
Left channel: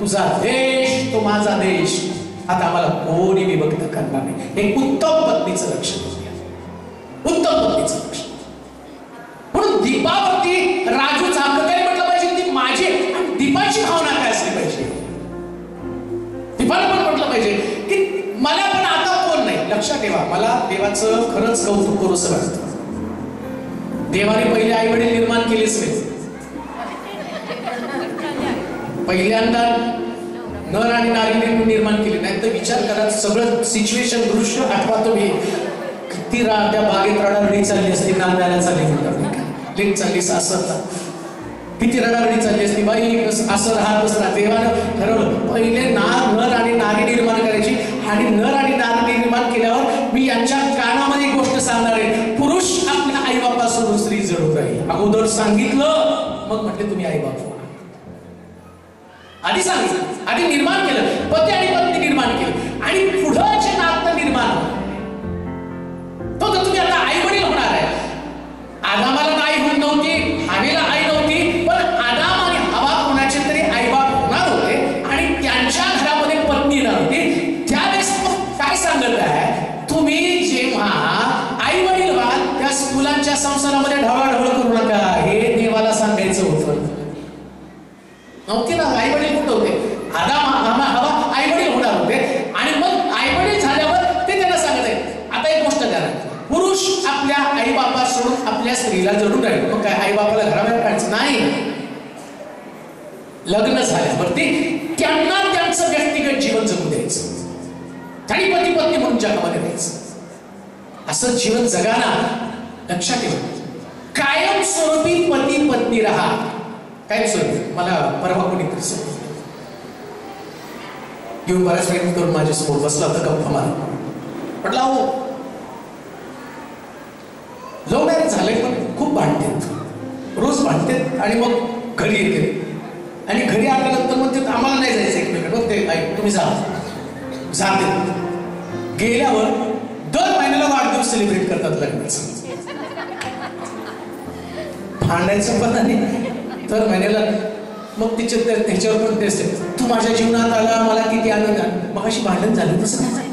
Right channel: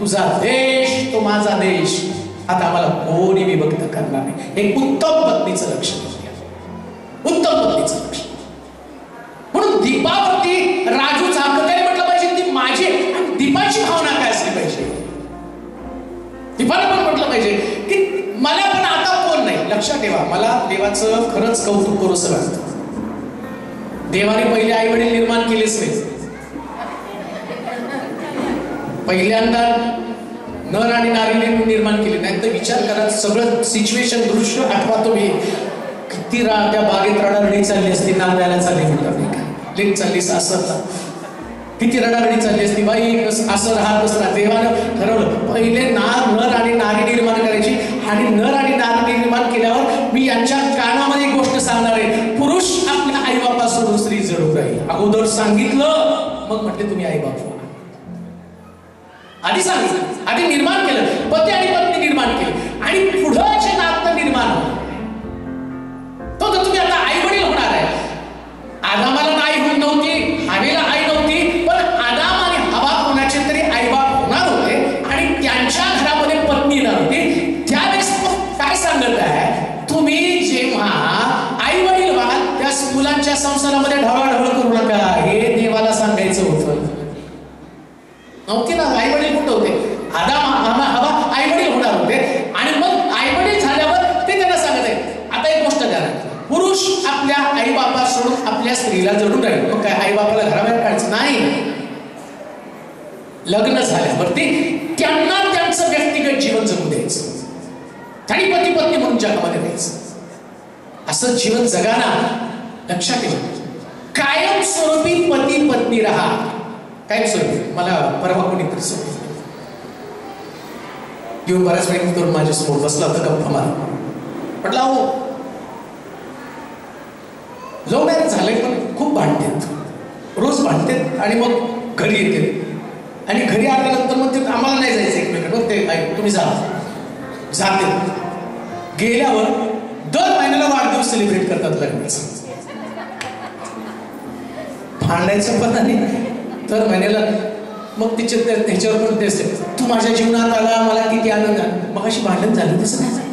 तुझा देश तो माझा देश. आता आम्हाला कोणी विभक्त करणार नाही. एक उत्तम पत्नीचं लक्षण, उत्तम पत्नीचं लक्षण. म्हणून दीपावरती राजूचा हक्क काय म्हटलं पाहिजे, ती माझी. आणि दीपाची भावना काय असली पाहिजे? दीपाला पण म्हटलं पाहिजे की मला पण आता कोण नाही. लक्षात ठेवा, मला देवाचं खरंच कौतुक करूसं वाटतं. देवाने पहिले आई वडील निर्माण केलेच नाही. पहिल्यांदा नर आणि नारी निर्माण केले नाही. तर विचार करा, सगळं सिच्युएशन, दृश्य आठवा तुम्ही. किती त्या बागेत रडारडी चालली असती, नांदायला चालली म्हणतात, लेक चालली सासरला, किती रडारडी चालली असती, बाई असं राहत असतात. देवानं ठरवलं पहिले नर आणि नारी निर्माण करायची. आणि नर आणि नारी निर्माण केल्यावर मी यांच्या कानामध्ये एक गोष्ट सांगणार आहे, पुरुष आपल्या आई बापा सोडून स्त्री जडून राहील. अगोदर सांगितलं, मग म्हटले तुम्ही आई बाप. आधी सांगितलं, आधी निर्माण केलं, पती आणि पत्नी निर्माण केलं, आणि पुढं जे नातं निर्माण होतं तो तर तुम्ही आता आई वडील होणार आहे. आदामाला आई होत नव्हती, हवेला आई नव्हती, पण आदाम आणि हवा कोणाचे तरी आई बाप होणार होते आणि त्यांच्या घरामध्ये पत्नी नव्हती. त्यावेळेस काय सांगत आहे, आणि पती पत्नी म्हणून जगामध्ये राहायचं, असं जीवन जगाना. लक्षात ठेवा, कायमस्वरूपी पती पत्नी राहा. कायमस्वरूपी. मला परवा कोणीतरी सांगितलं, येऊन बऱ्याच वेळ करून माझ्यासमोर बसला होता, गप्पा मारा. म्हटलं अहो, लव्ह मॅरेज झाले पण खूप भांडतात, रोज भांडतात आणि मग घरी येते आणि घरी आल्यानंतर मग ते आम्हाला नाही जायचं एकमेकांना, मग ते तुम्ही जाते. गेल्यावर दर महिन्याला वाढदिवस सेलिब्रेट करतात लग्नाचं. भांडायचं पण नाही दर महिन्याला. मग तिच्या त्याच्यावर पण तेच, तू माझ्या जीवनात आला, मला किती आनंद. मग अशी भांडण झाली तसं नाही,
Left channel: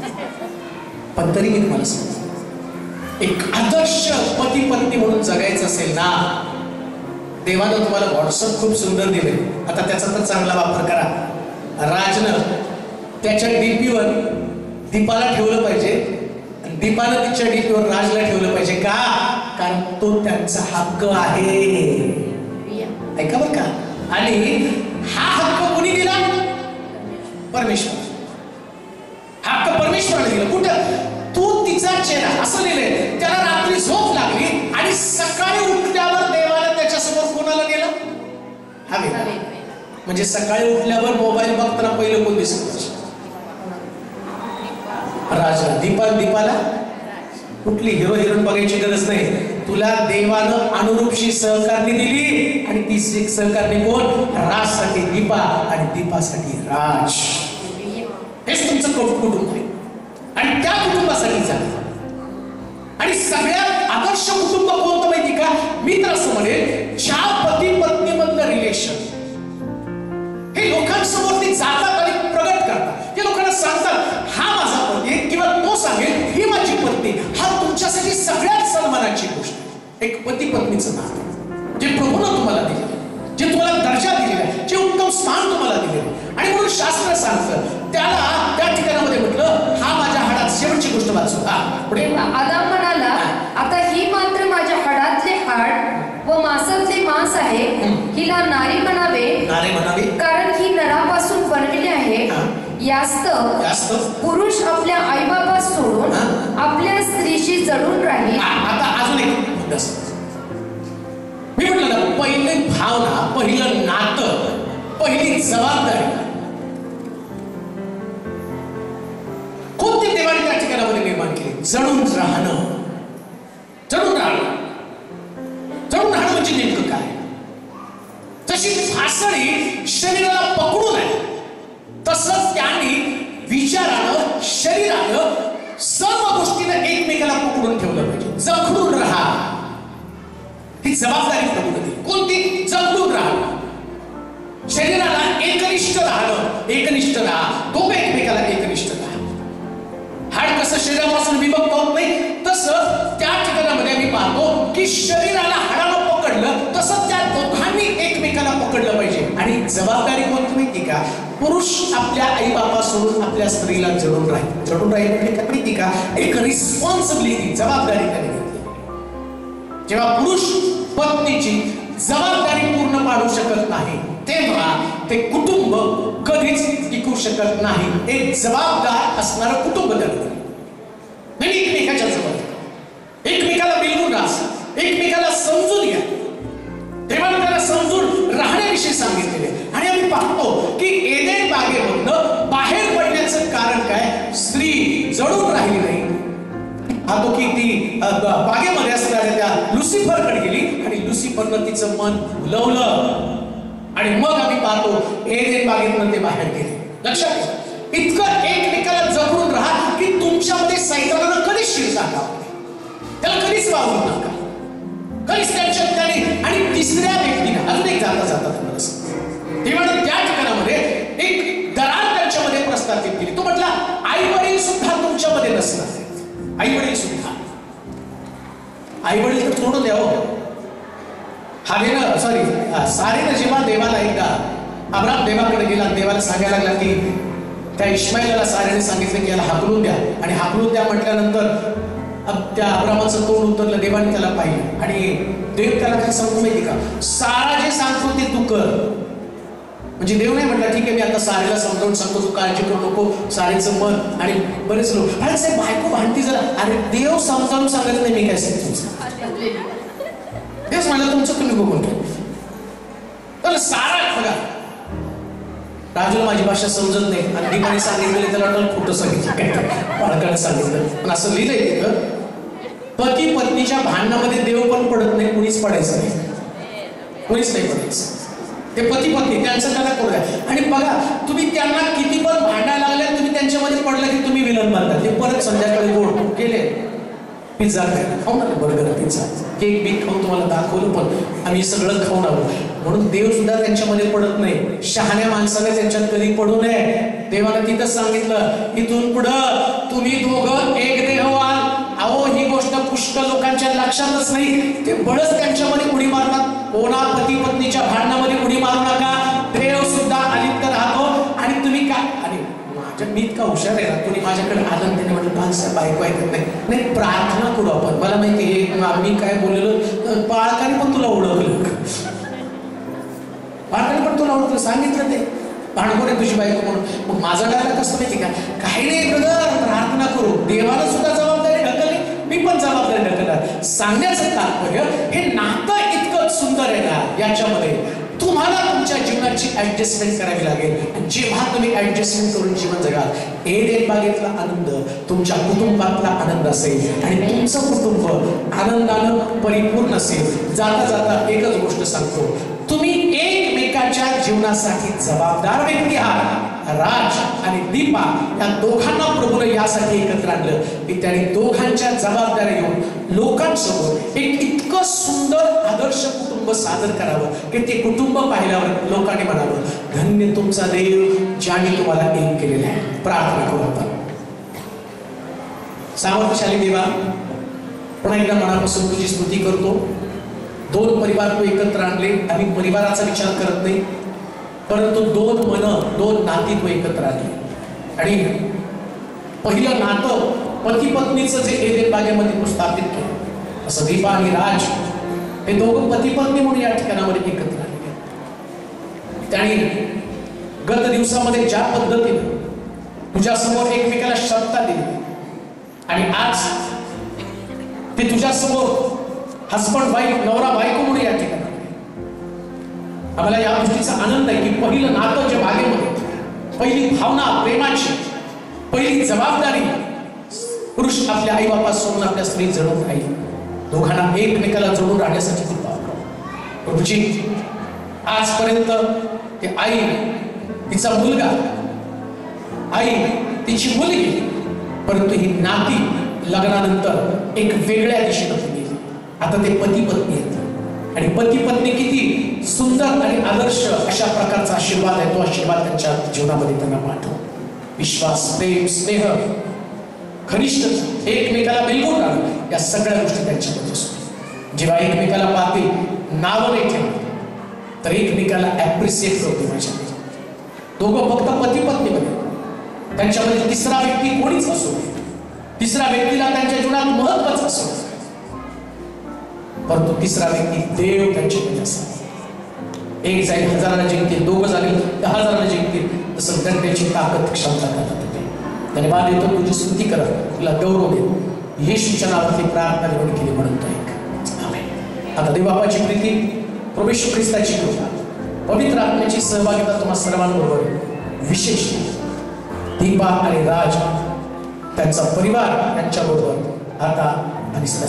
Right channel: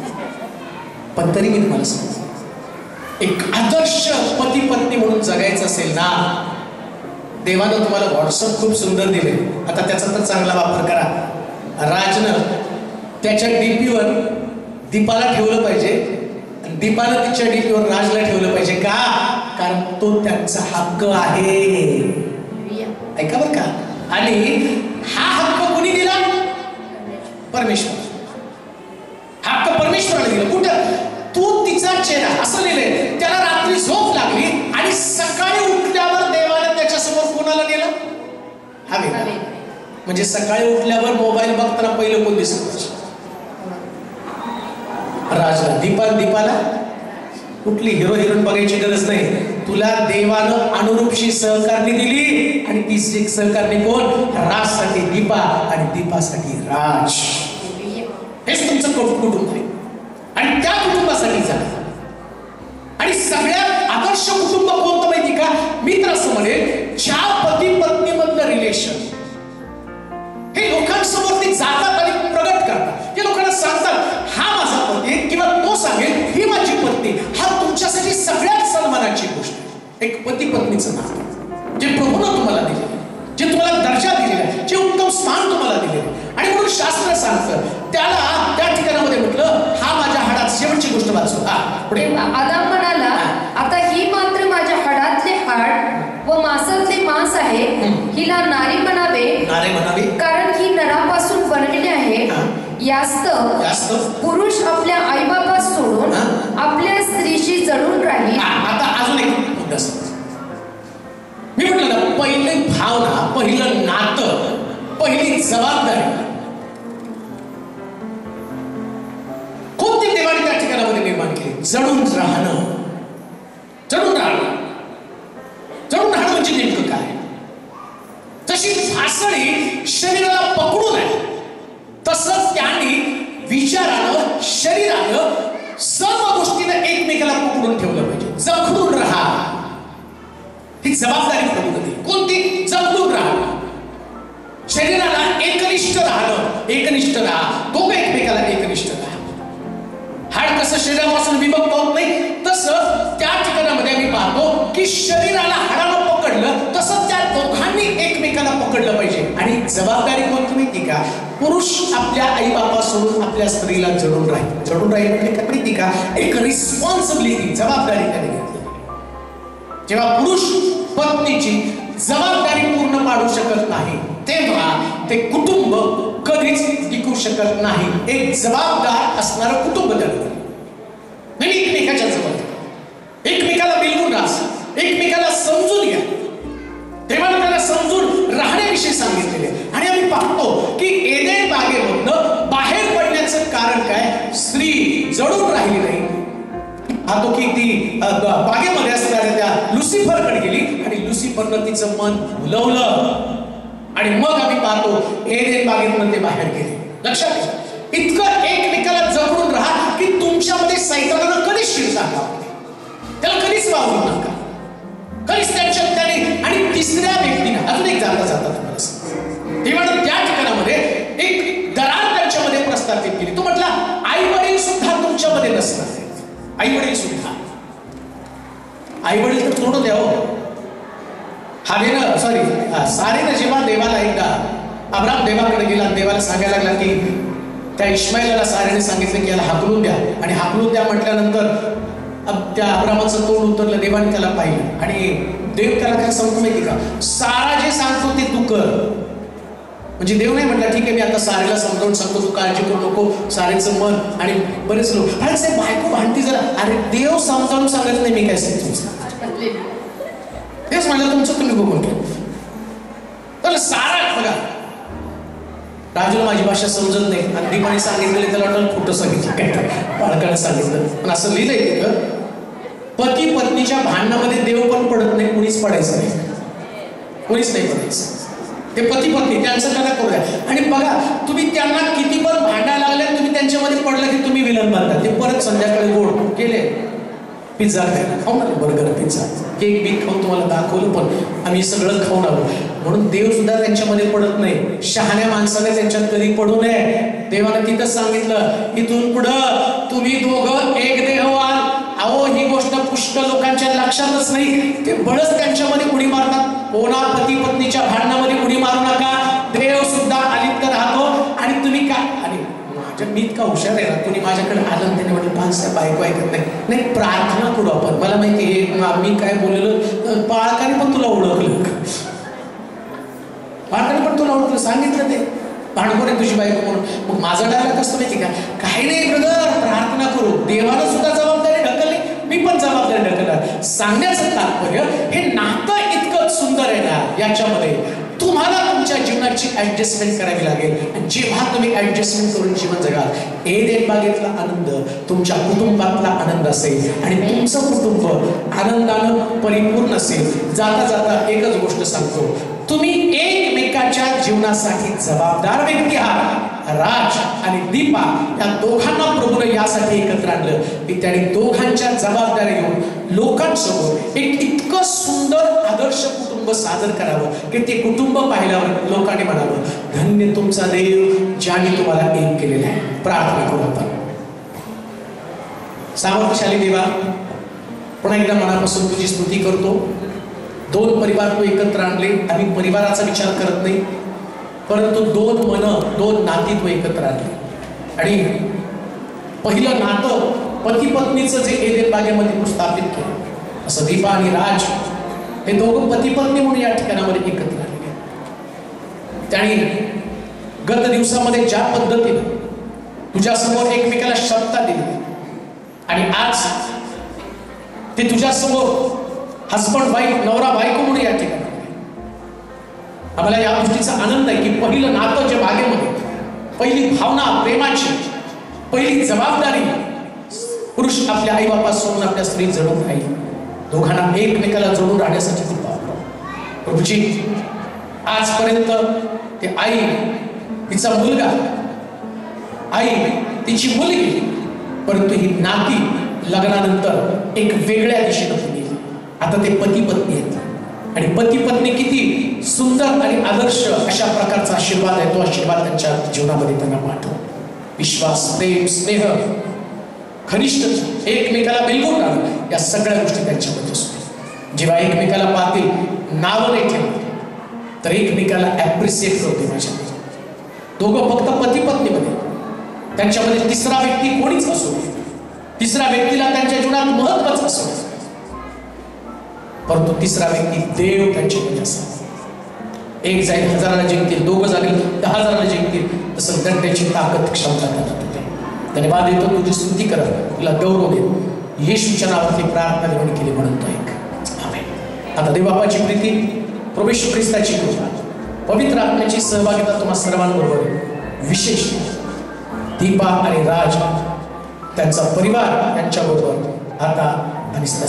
पण तरी मी तुम्हाला सांगतो, एक आदर्श पती पत्नी म्हणून जगायचं असेल ना, देवानं तुम्हाला व्हॉट्सअप खूप सुंदर दिले. आता त्याचा तर चांगला वापर करा. राजनं त्याच्या डीपीवर दीपाला ठेवलं पाहिजे, दीपानं तिच्या डीपीवर राजला ठेवलं पाहिजे. का? कारण तो त्यांचा हक्क आहे. ऐका बरं का. आणि हा हक्क कोणी दिला? परमेश्वर. हक्क परमेश्वराने दिला. कुठं? तू तिचा चेहरा, असं लिहिलंय. त्याला रात्री झोप लागली आणि सकाळी उठल्यावर देवाने त्याच्यासमोर कोणाला नेलं? हवे. म्हणजे सकाळी उठल्यावर मोबाईल बघताना पहिलं कोण दिसत? राजा. दीपाला कुठली हिरो हिरोईन बघायची गरज नाही. तुला देवानं अनुरूपशी सहकारणी दिली आणि ती सहकारणी कोण? राजसाठी दीपा आणि दीपासाठी राज. हेच तुमचं कुटुंब आहे आणि त्या कुटुंबासाठी जागा. आणि सगळ्यात आदर्श कुटुंब कोणतं माहिती का? मी तर असं म्हणेल, ज्या पती पत्नी मधलं रिलेशन हे लोकांसमोर ते जातात आणि प्रगट करतात. ते लोकांना सांगतात, हा माझा पती, किंवा तो सांगेल ही माझी पत्नी. हा तुमच्यासाठी सगळ्यात सन्मानाची गोष्ट आहे. एक पती पत्नीचं नातं जे प्रभूनं तुम्हाला दिले, जे तुम्हाला दर्जा दिलेला आहे, जे उत्तम स्थान तुम्हाला दिलेलं आहे. आणि म्हणून शास्त्र सांगतं त्याला त्या ठिकाणामध्ये म्हटलं, हा माझ्या हाडात. शेवटची गोष्ट वाचू. पुढे आदाम म्हणाला, आता ही मात्र माझ्या हाडातले हाड व मांसातले मांस आहे, हिला नारी म्हणावे. नारी म्हणावे कारण ही नरापासून बनलेली आहे. यास्त पुरुष आपल्या आईबाबा सोडून आपल्या स्त्रीशी जडून राहील. आता अजून एक मुद्दा. मी म्हटलं ना, पहिली भावना, पहिलं नातं, पहिली जबाबदारी कोणती देवाने त्या ठिकाणामध्ये निर्माण केली? जडून राहणं. जडून राहणं. जडून राहणं म्हणजे नेमकं काय? जशी फासळी शरीराला पकडून आहे, तसं त्यांनी विचारानं, शरीरानं, सर्व गोष्टीनं एकमेकाला पकडून ठेवलं पाहिजे. जखडून राहा. ही जबाबदारी प्रभूने दिली. कोणती? जखडून राहणं. शरीराला एकनिष्ठ राहणं. एकनिष्ठ राहा. दोघं एकमेकाला एकनिष्ठ राहा. हाड कसं शरीरापासून विभक्त होत नाही, तसं त्या ठिकाणामध्ये आम्ही पाहतो की शरीराला हाडानं पकडलं, तसं त्या दोघांनी एकमेकाला पकडलं पाहिजे. आणि जबाबदारी कोणती माहिती का? पुरुष आपल्या आई बाबा सोडून आपल्या स्त्रीला जडून राहील. जडून राहील म्हणजे काय माहिती का? एक रिस्पॉन्सिबिलिटी, जबाबदारी त्याने घेतली. जेव्हा पुरुष पत्नीची जबाबदारी पूर्ण पाडू शकत नाही, तेव्हा ते कुटुंब कधीच टिकू शकत नाही. एक जबाबदार असणारं कुटुंब तयार नाही. एकमेकाच्या जवळ, एकमेकाला बिलगून राहा, एकमेकाला समजून घ्या. तेव्हा त्याला समजून राहण्याविषयी सांगितलेले. आणि आम्ही पाहतो की एदेन बागेमधनं बाहेर पडण्याचं कारण काय? स्त्री जडून राहिली नाही. पाहतो की ती बागेमध्ये असणाऱ्या त्या लुसिफरकडे गेली आणि लुसिफरनं तिचं मन भुलवलं. आणि मग आम्ही पाहतो एदेन बागेतनं ते बाहेर गेले. लक्षात घ्या, इतकं एकमेकाला जपडून राहा की तुमच्यामध्ये सैतानानं कधीच शिरता कामा नये. त्याला कधीच वावरू नका, कधीच त्यांच्या त्याने. आणि तिसऱ्या व्यक्तीने अजून एक जाता तुम्हाला सांगतो, तेव्हा त्या ठिकाणामध्ये एक दरार त्यांच्यामध्ये प्रस्थापित केली. तो म्हटला, आई वडील सुद्धा तुमच्यामध्ये नसतात. आई वडील सुद्धा, आई वडील तर सोडून द्यावं. हागेनं सारेनं जेव्हा देवाला एकदा अब्राम देवाकडे गेला, देवाला सांगायला लागला की त्या इश्माईलला सारेने सांगितलं की याला हाकलून द्या. आणि हाकलून द्या म्हटल्यानंतर त्या अब्रामाचं तोंड उतरलं. देवाने त्याला पाहिलं आणि देव त्याला काय सांगतो माहिती का? सारा जे सांगतो ते तू कर. म्हणजे देव नाही म्हटलं ठीक आहे मी आता सारेला समजावून सांगतो, तू काळजी करू नको, सारेचं मन. आणि बरेच लोक साहेब बायको भांडती जरा, अरे देव समजावून सांगत नाही, मी काय सांगतो तेच म्हटलं तुमचं तुम्ही बघून घ्या. तर सारा बघा, राजूला माझी भाषा समजत नाही आणि दीपाने सांगितलेलं त्याला वाटलं खोटं सांगितलं, काय बाळकाने सांगितलं, पण असं लिहिलंय तिथं पती पत्नीच्या भांडणामध्ये देव पण पडत नाही, कुणीच पडायचं नाही, कोणीच नाही पडायचं. ते पती पत्नी त्यांचं त्यांना करू द्या. आणि बघा तुम्ही त्यांना किती पण भांडायला लागले, तुम्ही त्यांच्यामध्ये पडलं की तुम्ही विलन मारता. ते परत संध्याकाळी गोड केले पिझ्झा खायला, खाऊन आले बर्गर पिझ्झा, केक बीक खाऊन तुम्हाला दाखवलं, पण आम्ही सगळं खाऊन आलो. म्हणून देव सुद्धा त्यांच्यामध्ये पडत नाही. शहाण्या माणसाने त्यांच्यात कधी पडू नये. देवाने तिथं सांगितलं इथून पुढं तुम्ही दोघं एक देह व्हाल. अहो ही गोष्ट पुष्कळ लोकांच्या लक्षातच नाही. ते बळच त्यांच्यामध्ये उडी मारतात. कोणा पती पत्नीच्या भांडणामध्ये उडी मारू नका. देव सुद्धा अलिप्त राहतो. आणि तुम्ही काय, आणि माझ्या मी इतका हुशार आहे ना, कोणी माझ्याकडे आलं त्याने म्हटलं पाच बायको ऐकत नाही, प्रार्थना करू आपण. मला माहिती हे मी काय बोललेलं, बाळकाने पण तुला ओळखलं, बाळकाने पण तुला ओळखलं, सांगितलं ते भांडकोर आहे तुझी बायको म्हणून. मग माझा डायलॉग कसं माहिती का, काही नाही ब्रदर प्रार्थना करू. देवाला सुद्धा जबाबदारी ढकलली, मी पण जबाबदारी ढकलणार. सांगण्याचं तात्पर्य हे नातं इतकं सुंदर आहे ना, याच्यामध्ये तुम्हाला तुमच्या जीवनाची ऍडजस्टमेंट करावी लागेल. आणि जेव्हा तुम्ही ऍडजस्टमेंट करून जीवन जगाल, एडेन बागेतला आनंद तुमच्या कुटुंबातला आनंद असेल आणि तुमचं कुटुंब आनंदानं परिपूर्ण असेल. जाता जाता एकच गोष्ट सांगतो, तुम्ही एकमेकाच्या जीवनासाठी जबाबदार व्यक्ती आहात. राज आणि दीपा या दोघांना प्रभूने यासाठी एकत्र आणलं की त्यांनी दोघांच्या जबाबदाऱ्या घेऊन लोकांसमोर एक इतकं सुंदर आदर्श कुटुंब सादर करावं की ते कुटुंब पाहिल्यावर लोकांनी म्हणावं धन्य तुमचा देव ज्याने तुम्हाला एक केलेला आहे. प्रार्थना करू आपण. सामर्थ्यशाली देवा, पुन्हा एकदा मनापासून तुझी स्तुती करतो. दोन परिवार तू एकत्र आणले. आम्ही परिवाराचा विचार करत नाही, परंतु दोन मन, दोन नाती तू एकत्र आणली. आणि पहिलं नातं पती पत्नीचं जे एडेन बागेमध्ये तू स्थापित केलं, असं दीपा आणि राज हे दोघं पती पत्नी म्हणून या ठिकाणामध्ये एकत्र आले. त्यांनी गत दिवसामध्ये ज्या पद्धतीने तुझ्या समोर एकमेकाला शब्द दिली आणि आज ते तुझ्या समोर हसबंड वाईफ, नवरा बायको म्हणून या ठिकाणी आम्हाला या गोष्टीचा आनंद आहे की पहिलं नातं जे बागेमध्ये, पहिली भावना प्रेमाची, पहिली जबाबदारी पुरुष आपल्या आई बापा सोडून आपल्या स्त्री जडून राहील. दोघांना एकमेकाला जोडून राहण्यासाठी कृपा प्रभूजी. आजपर्यंत ते आई, तिचा मुलगा, आई, तिची मुलगी, परंतु ही नाती लग्नानंतर एक वेगळ्या दिशेने गेली. आता ते पती पत्नी आहेत आणि पती पत्नी किती सुंदर आणि आदर्श अशा प्रकारचा आशीर्वाद आहे. तो आशीर्वाद त्यांच्या जीवनामध्ये त्यांना पाठव. विश्वास, प्रेम, स्नेह, घनिष्ठता, एकमेकाला बिलकुल राहणं, या सगळ्या गोष्टी त्यांच्यामध्ये असतो. जेव्हा एकमेकाला पाहतील, नावं नाही ठेवत तर एकमेकाला ऍप्रिसिएट करते. माझ्यामध्ये दोघं फक्त पती पत्नीमध्ये, त्यांच्यामध्ये तिसरा व्यक्ती कोणीच असो, तिसऱ्या व्यक्तीला त्यांच्या जीवनात महत्वाचं असो, परंतु तिसरा व्यक्ती देव त्यांच्यामध्ये असतो. एक जाईल हजाराला जिंकतील, दोघं झाले 10,000 जिंकतील, तसं त्यांची ताकद क्षमता करत होते. धन्यवाद देतो, तुझी स्तुती करत, तुला गौरव देत येशूच्या नावावरती प्रार्थना निवड केली म्हणतो एक आमेन. आता देवबापाची प्रीती, प्रभू येशू ख्रिस्ताची कृपा, पवित्र आत्म्याची सहभागिता तुम्हा सर्वांबरोबर, विशेष दीपा आणि राज त्यांचा परिवार यांच्याबरोबर आता आणि सदा